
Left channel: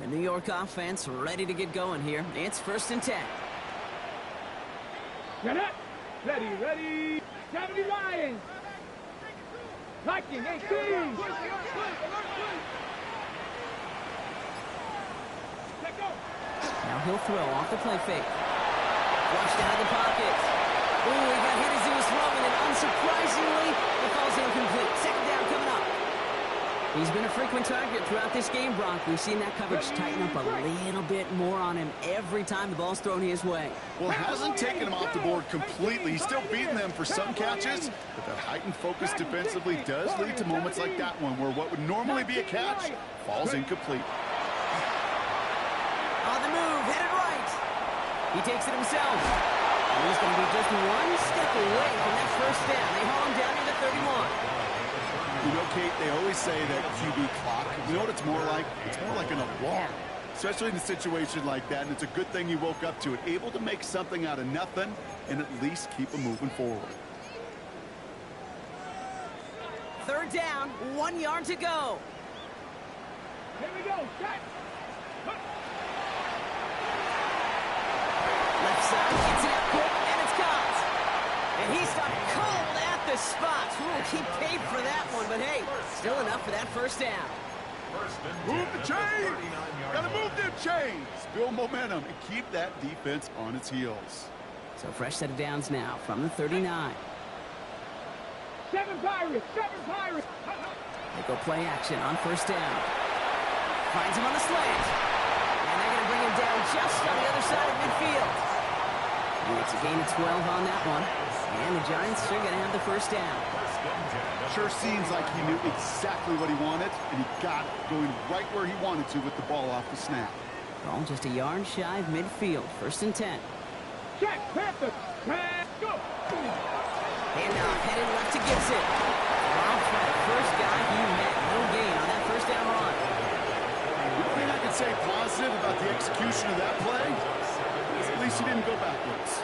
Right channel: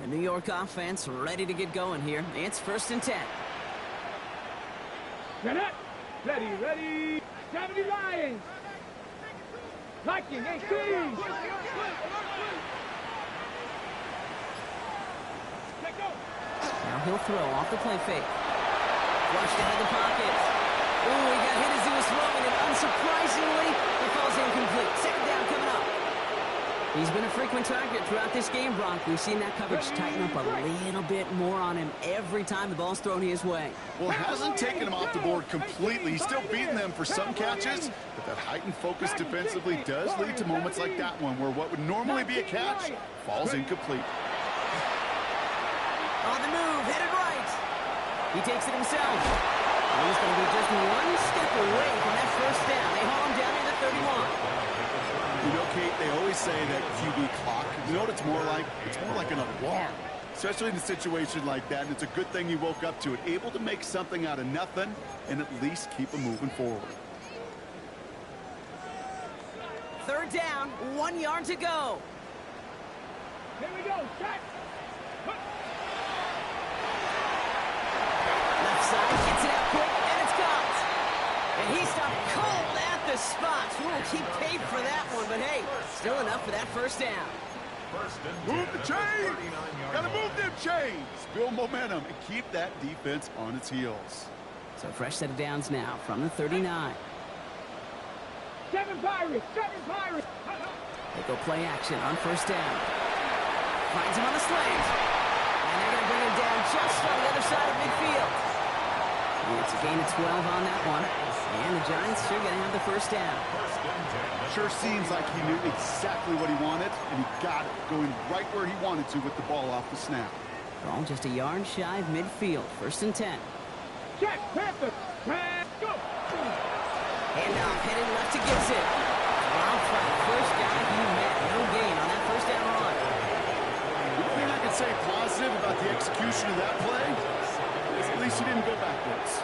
The New York offense ready to get going here. It's 1st and 10. Get it! Ready! 70 Lions! Liking 18! Now he'll throw off the play fake. Flushed out of the pocket. Ooh, he got hit as he was throwing, and unsurprisingly, it falls incomplete. 2nd down coming up. He's been a frequent target throughout this game, Brock. We've seen that coverage tighten up a little bit more on him every time the ball's thrown his way. Well, it hasn't taken him off the board completely. He's still beating them for some catches, but that heightened focus defensively does lead to moments like that one where what would normally be a catch falls incomplete. On the move, headed right. He takes it himself. And he's going to be just one step away from that first down. They haul him down near the 31. You know, Kate, they always say that QB clock, you know what it's more like? It's more like an alarm, especially in a situation like that, and it's a good thing you woke up to it, able to make something out of nothing and at least keep them moving forward. Third down, 1 yard to go. Here we go. Set. Left side, gets it out quick, and it's caught. And he stopped cold at the spot. Ooh, he paid for that one, but hey, still enough for that first down. Move the chains! Gotta move them chains! Build momentum and keep that defense on its heels. So fresh set of downs now from the 39. 7 Pirates. 7 Pirates. They go play action on first down. Finds him on the slant. And they're going to bring him down just on the other side of midfield. And it's a gain of 12 on that one. And the Giants are going to have the first down. Sure seems like he knew exactly what he wanted, and he got it, going right where he wanted to with the ball off the snap. They're all just a yard shy of midfield. First and 10. Check. Panther. Go. Handoff headed left to Gibson. Robbed by the first guy he met. No gain on that first down run. The thing I can say positive about the execution of that play is at least he didn't go backwards.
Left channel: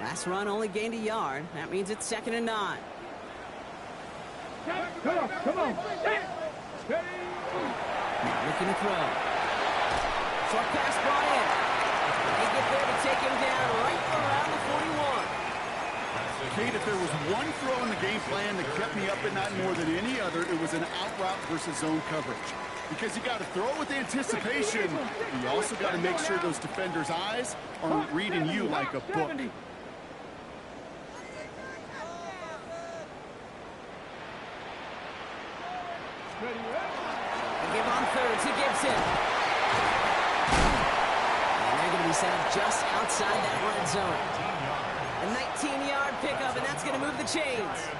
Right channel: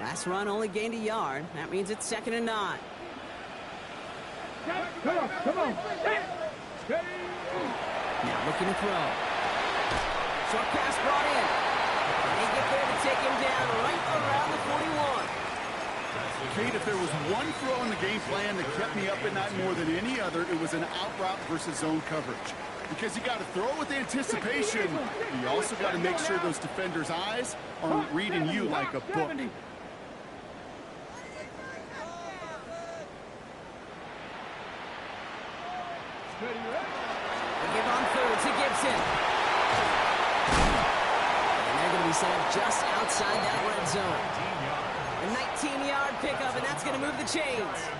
Last run only gained a yard. That means it's 2nd and 9. Come on. Come on. Now looking to throw. Short pass brought in. They get there to take him down right around the 41. Kate, if there was one throw in the game plan that kept me up at night more than any other, it was an out route versus zone coverage. Because you got to throw it with anticipation, but you also got to make sure those defenders' eyes aren't reading you like a book. They give on third to Gibson. And they're going to be set up just outside that red zone. A 19-yard pickup, and that's going to move the chains.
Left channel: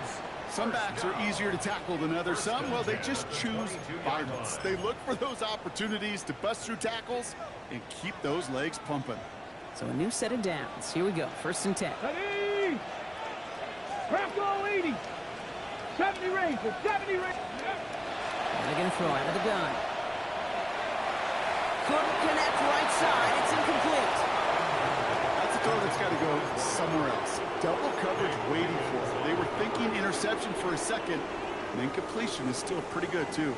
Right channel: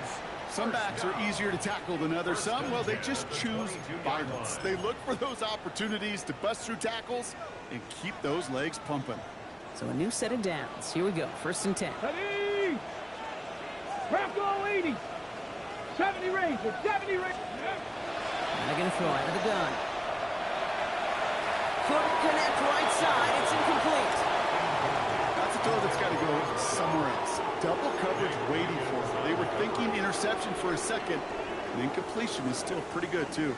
Some backs are easier to tackle than others. Some, well, they just choose violence. They look for those opportunities to bust through tackles and keep those legs pumping. So a new set of downs. Here we go. First and 10. Ready. Bronco 80. 70 Ranger. 70 Ranger. And they're going to throw out of the gun. Couldn't connect right side. It's incomplete. That's a throw that's got to go somewhere else. Double coverage waiting for it. They were thinking interception for a second, and incompletion is still pretty good, too.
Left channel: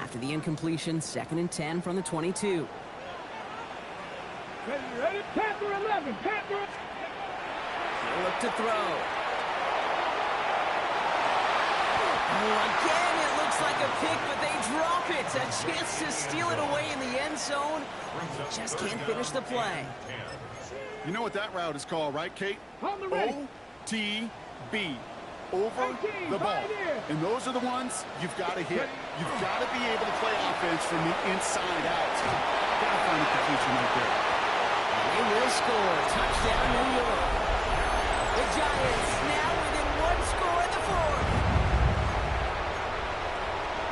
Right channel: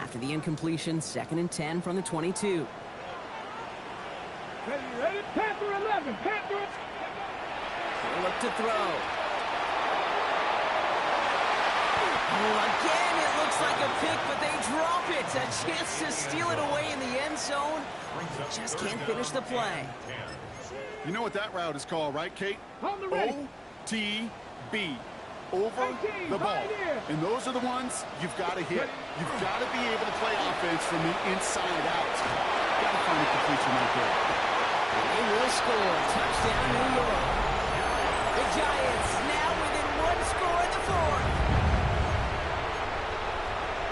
After the incompletion, 2nd and 10 from the 22. Ready. Panther 11. Panther. He'll look to throw. Oh, again, it looks like a pick, but they drop it. A chance to steal it away in the end zone. Just can't finish the play. You know what that route is called, right, Kate? OTB. Over the ball. And those are the ones you've got to hit. You've got to be able to play offense from the inside out. Got to find a completion right there. And they will score. Touchdown, New York. The Giants now within one score in the fourth.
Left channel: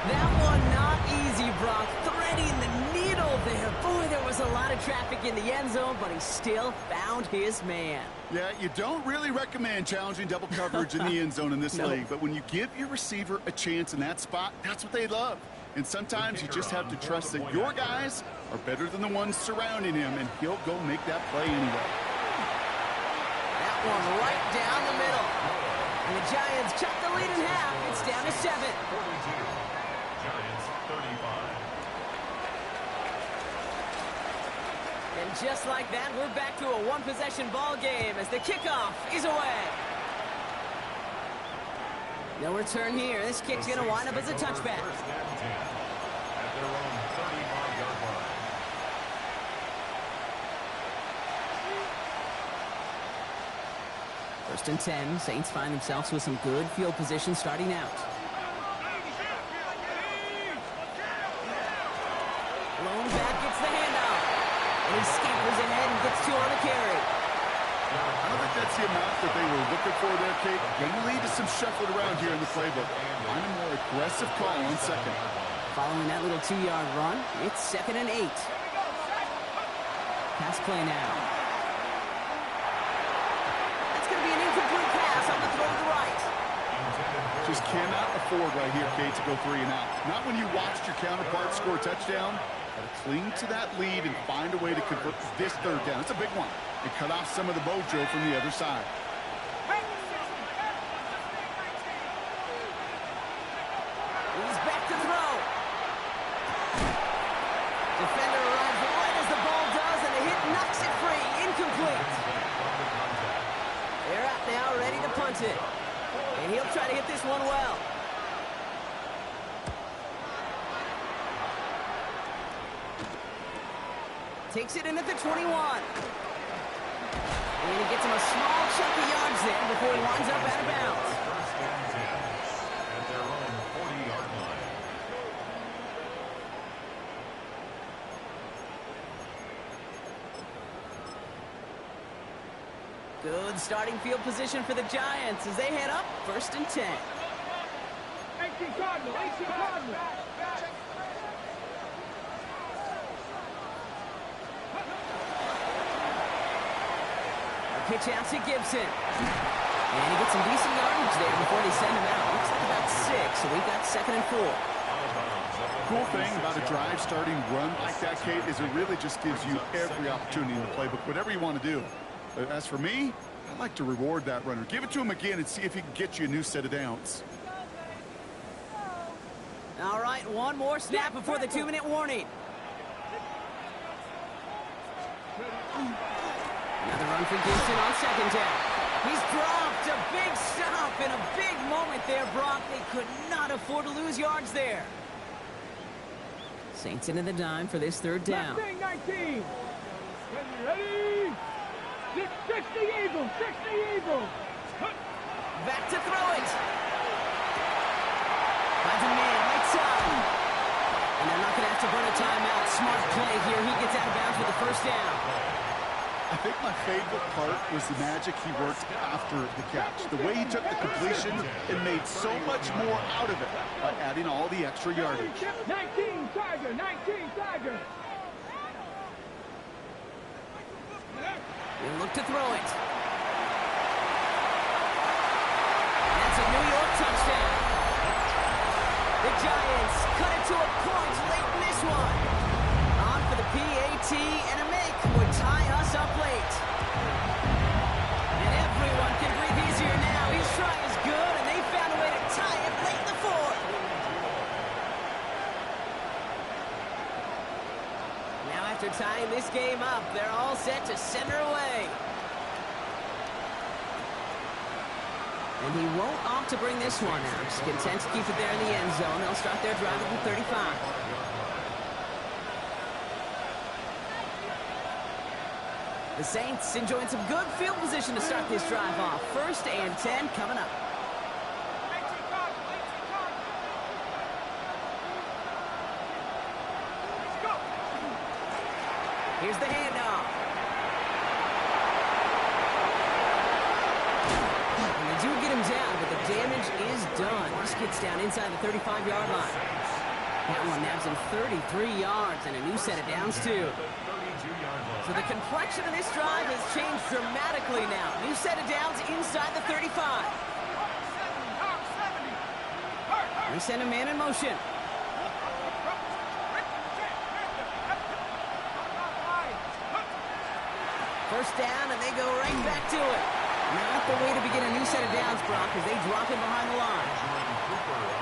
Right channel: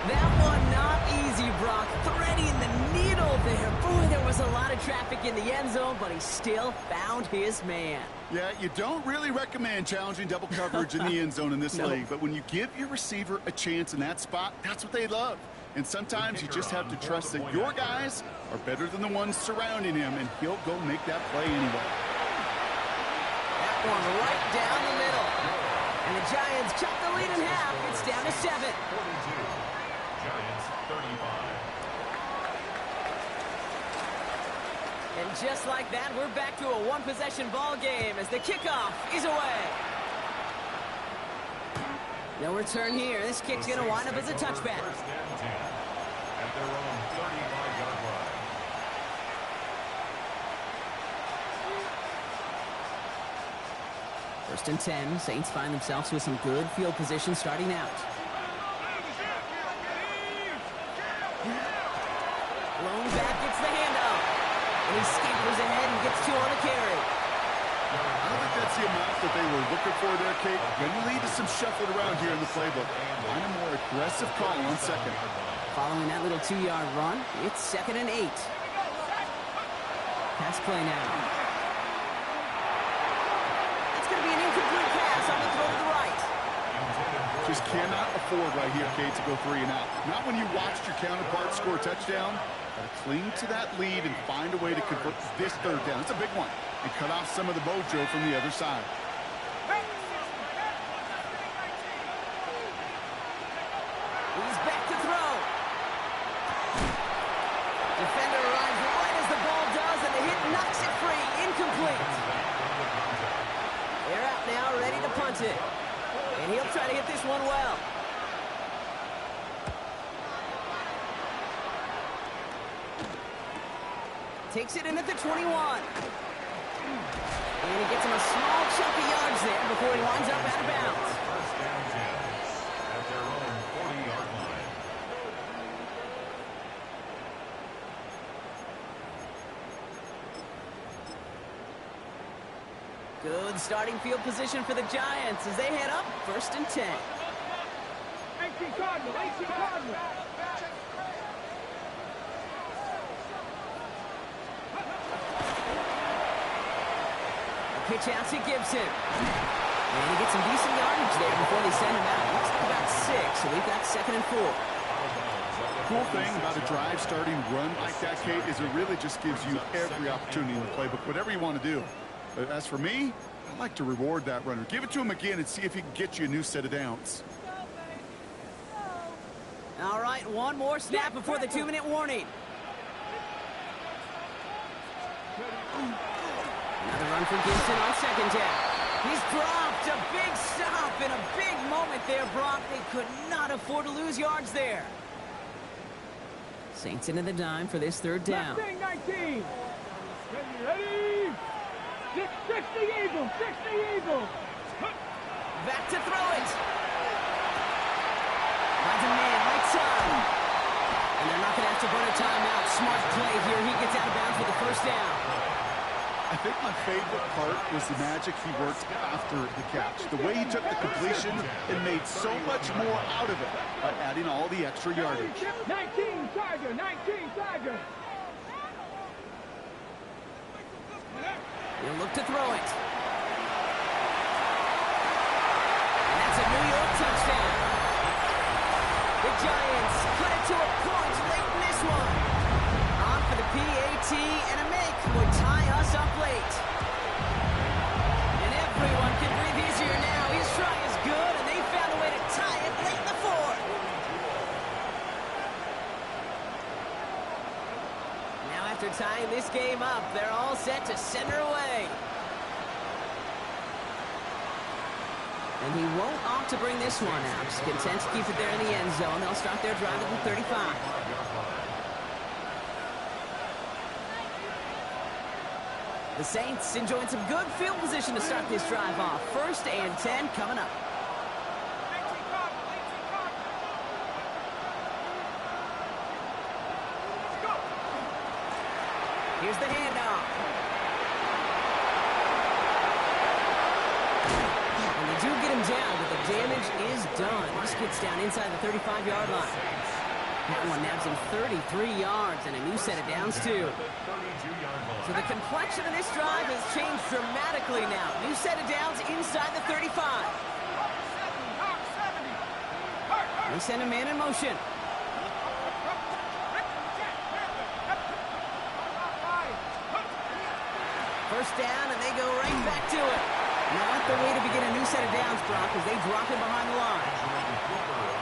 That one not easy, Brock. Threading the needle there. Boy, there was a lot of traffic in the end zone, but he still found his man. Yeah, you don't really recommend challenging double coverage in the end zone in this league, but when you give your receiver a chance in that spot, that's what they love. And sometimes you just have to trust that your guys are better than the ones surrounding him, and he'll go make that play anyway. That one right down the middle. And the Giants cut the lead in half. It's down to 7. 42. Giants 35. And just like that, we're back to a one-possession ball game as the kickoff is away. No return here. This kick's going to wind up as a touchback. their own 35-yard line. First and 10. Saints find themselves with some good field position starting out. Lone back gets the handoff. And he scampers ahead and gets 2 on the carry. I don't think that's the amount that they were looking for there, Kate. Going to lead to some shuffling around here in the playbook. Find a more aggressive call on second. Following that little 2-yard run, it's 2nd and 8. Pass play now. That's going to be an incomplete pass on the throw to the right. Just cannot afford right here, Kate, to go 3 and out. Not when you watched your counterpart score a touchdown. Got to cling to that lead and find a way to convert this 3rd down. It's a big one. And cut off some of the mojo from the other side. He's back to throw. Defender arrives right as the ball does, and the hit knocks it free. Incomplete. They're out now, ready to punt it. And he'll try to hit this one well. Takes it in at the 21. And he gets him a small chunk of yards there before he winds up out of bounds. First and 10 at their own 40-yard line. Good starting field position for the Giants as they head up 1st and 10. 18 Cardinal, 18 Cardinal. Pitch out to Gibson. And he gets some decent yardage there before they send him out. Looks like about 6, so we've got 2nd and 4. Cool thing about a drive starting run like that, Kate, is it really just gives you every opportunity in the playbook, whatever you want to do. As for me, I like to reward that runner. Give it to him again and see if he can get you a new set of downs. All right, one more snap before the 2-minute warning. Another run for Gibson on 2nd down. He's dropped a big stop and a big moment there, Brock. They could not afford to lose yards there. Saints into the dime for this 3rd down. 19. Ready? 60 Eagles, 60 Eagles. Back to throw it. Finds a man right side. And they're not going to have to burn a timeout. Smart play here. He gets out of bounds with the 1st down. I think my favorite part was the magic he worked after the catch. The way he took the completion and made so much more out of it by adding all the extra yardage. 19 Tiger, 19 Tiger. He'll look to throw it. And that's a New York touchdown. The Giants cut it to a point late in this one. On for the PAT, and a make would tie us up late. And everyone can breathe easier now. His try is good, and they found a way to tie it late in the 4th. Now after tying this game up, they're all set to send her away. And he won't opt to bring this one out. Just content to keep it there in the end zone. They'll start their drive at the 35. The Saints enjoying some good field position to start this drive off. 1st and 10 coming up. Here's the handoff. And they do get him down, but the damage is done. This gets down inside the 35-yard line. That one nabs him 33 yards and a new set of downs, too. So the complexion of this drive has changed dramatically now. New set of downs inside the 35. They send a man in motion. First down, and they go right back to it. Not the way to begin a new set of downs, Brock, as they drop him behind the line.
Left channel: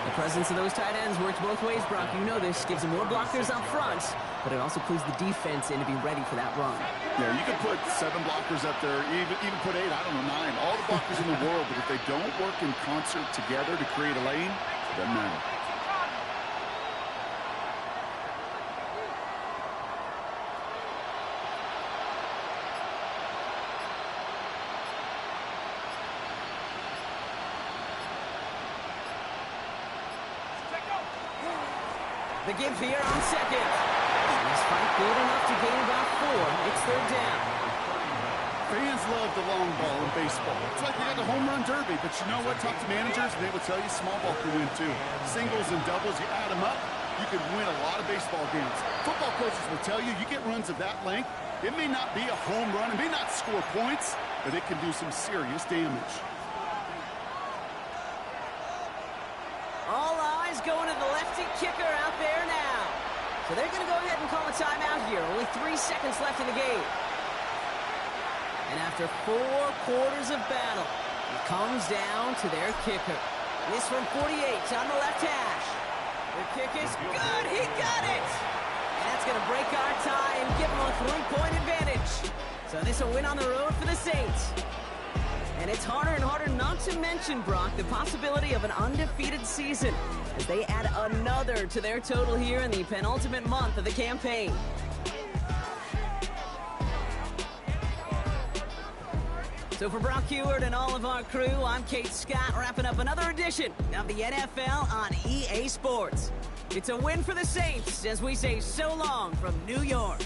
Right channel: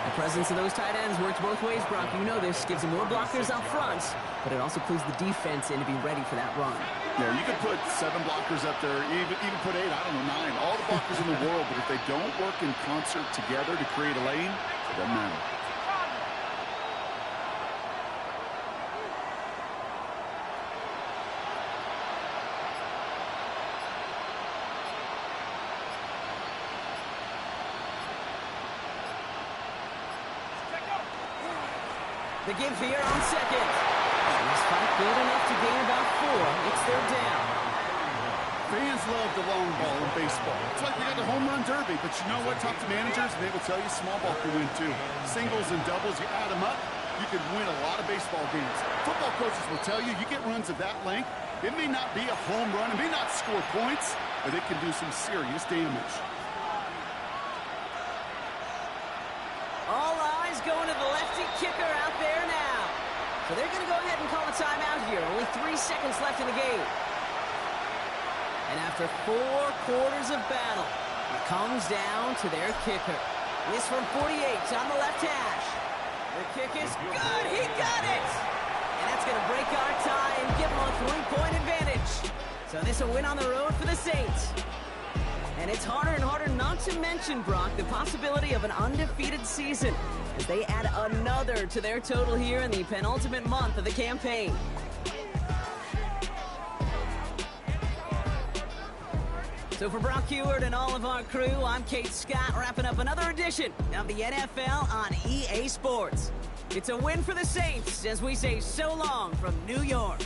The presence of those tight ends works both ways, Brock. You know this. Gives them more blockers up front, but it also clues the defense in to be ready for that run. Yeah, you could put 7 blockers up there, even put 8, I don't know, 9. All the blockers in the world, but if they don't work in concert together to create a lane, it doesn't matter. The give here on second. And this fight good enough to gain about 4. It's third down. Fans love the long ball in baseball. It's like they got the home run derby, but you know what? Talk to managers, and they will tell you small ball can win too. Singles and doubles, you add them up, you can win a lot of baseball games. Football coaches will tell you, you get runs of that length, it may not be a home run, it may not score points, but it can do some serious damage. All eyes going to the lefty kicker out there now. So they're going to go ahead and call a timeout here. Only 3 seconds left in the game. And after 4 quarters of battle, it comes down to their kicker. This from 48 on the left hash. The kick is good. He got it. And that's going to break our tie and give them a 3-point advantage. So this a win on the road for the Saints. And it's harder and harder not to mention, Brock, the possibility of an undefeated season as they add another to their total here in the penultimate month of the campaign. So for Brock Heward and all of our crew, I'm Kate Scott, wrapping up another edition of the NFL on EA Sports. It's a win for the Saints as we say so long from New York.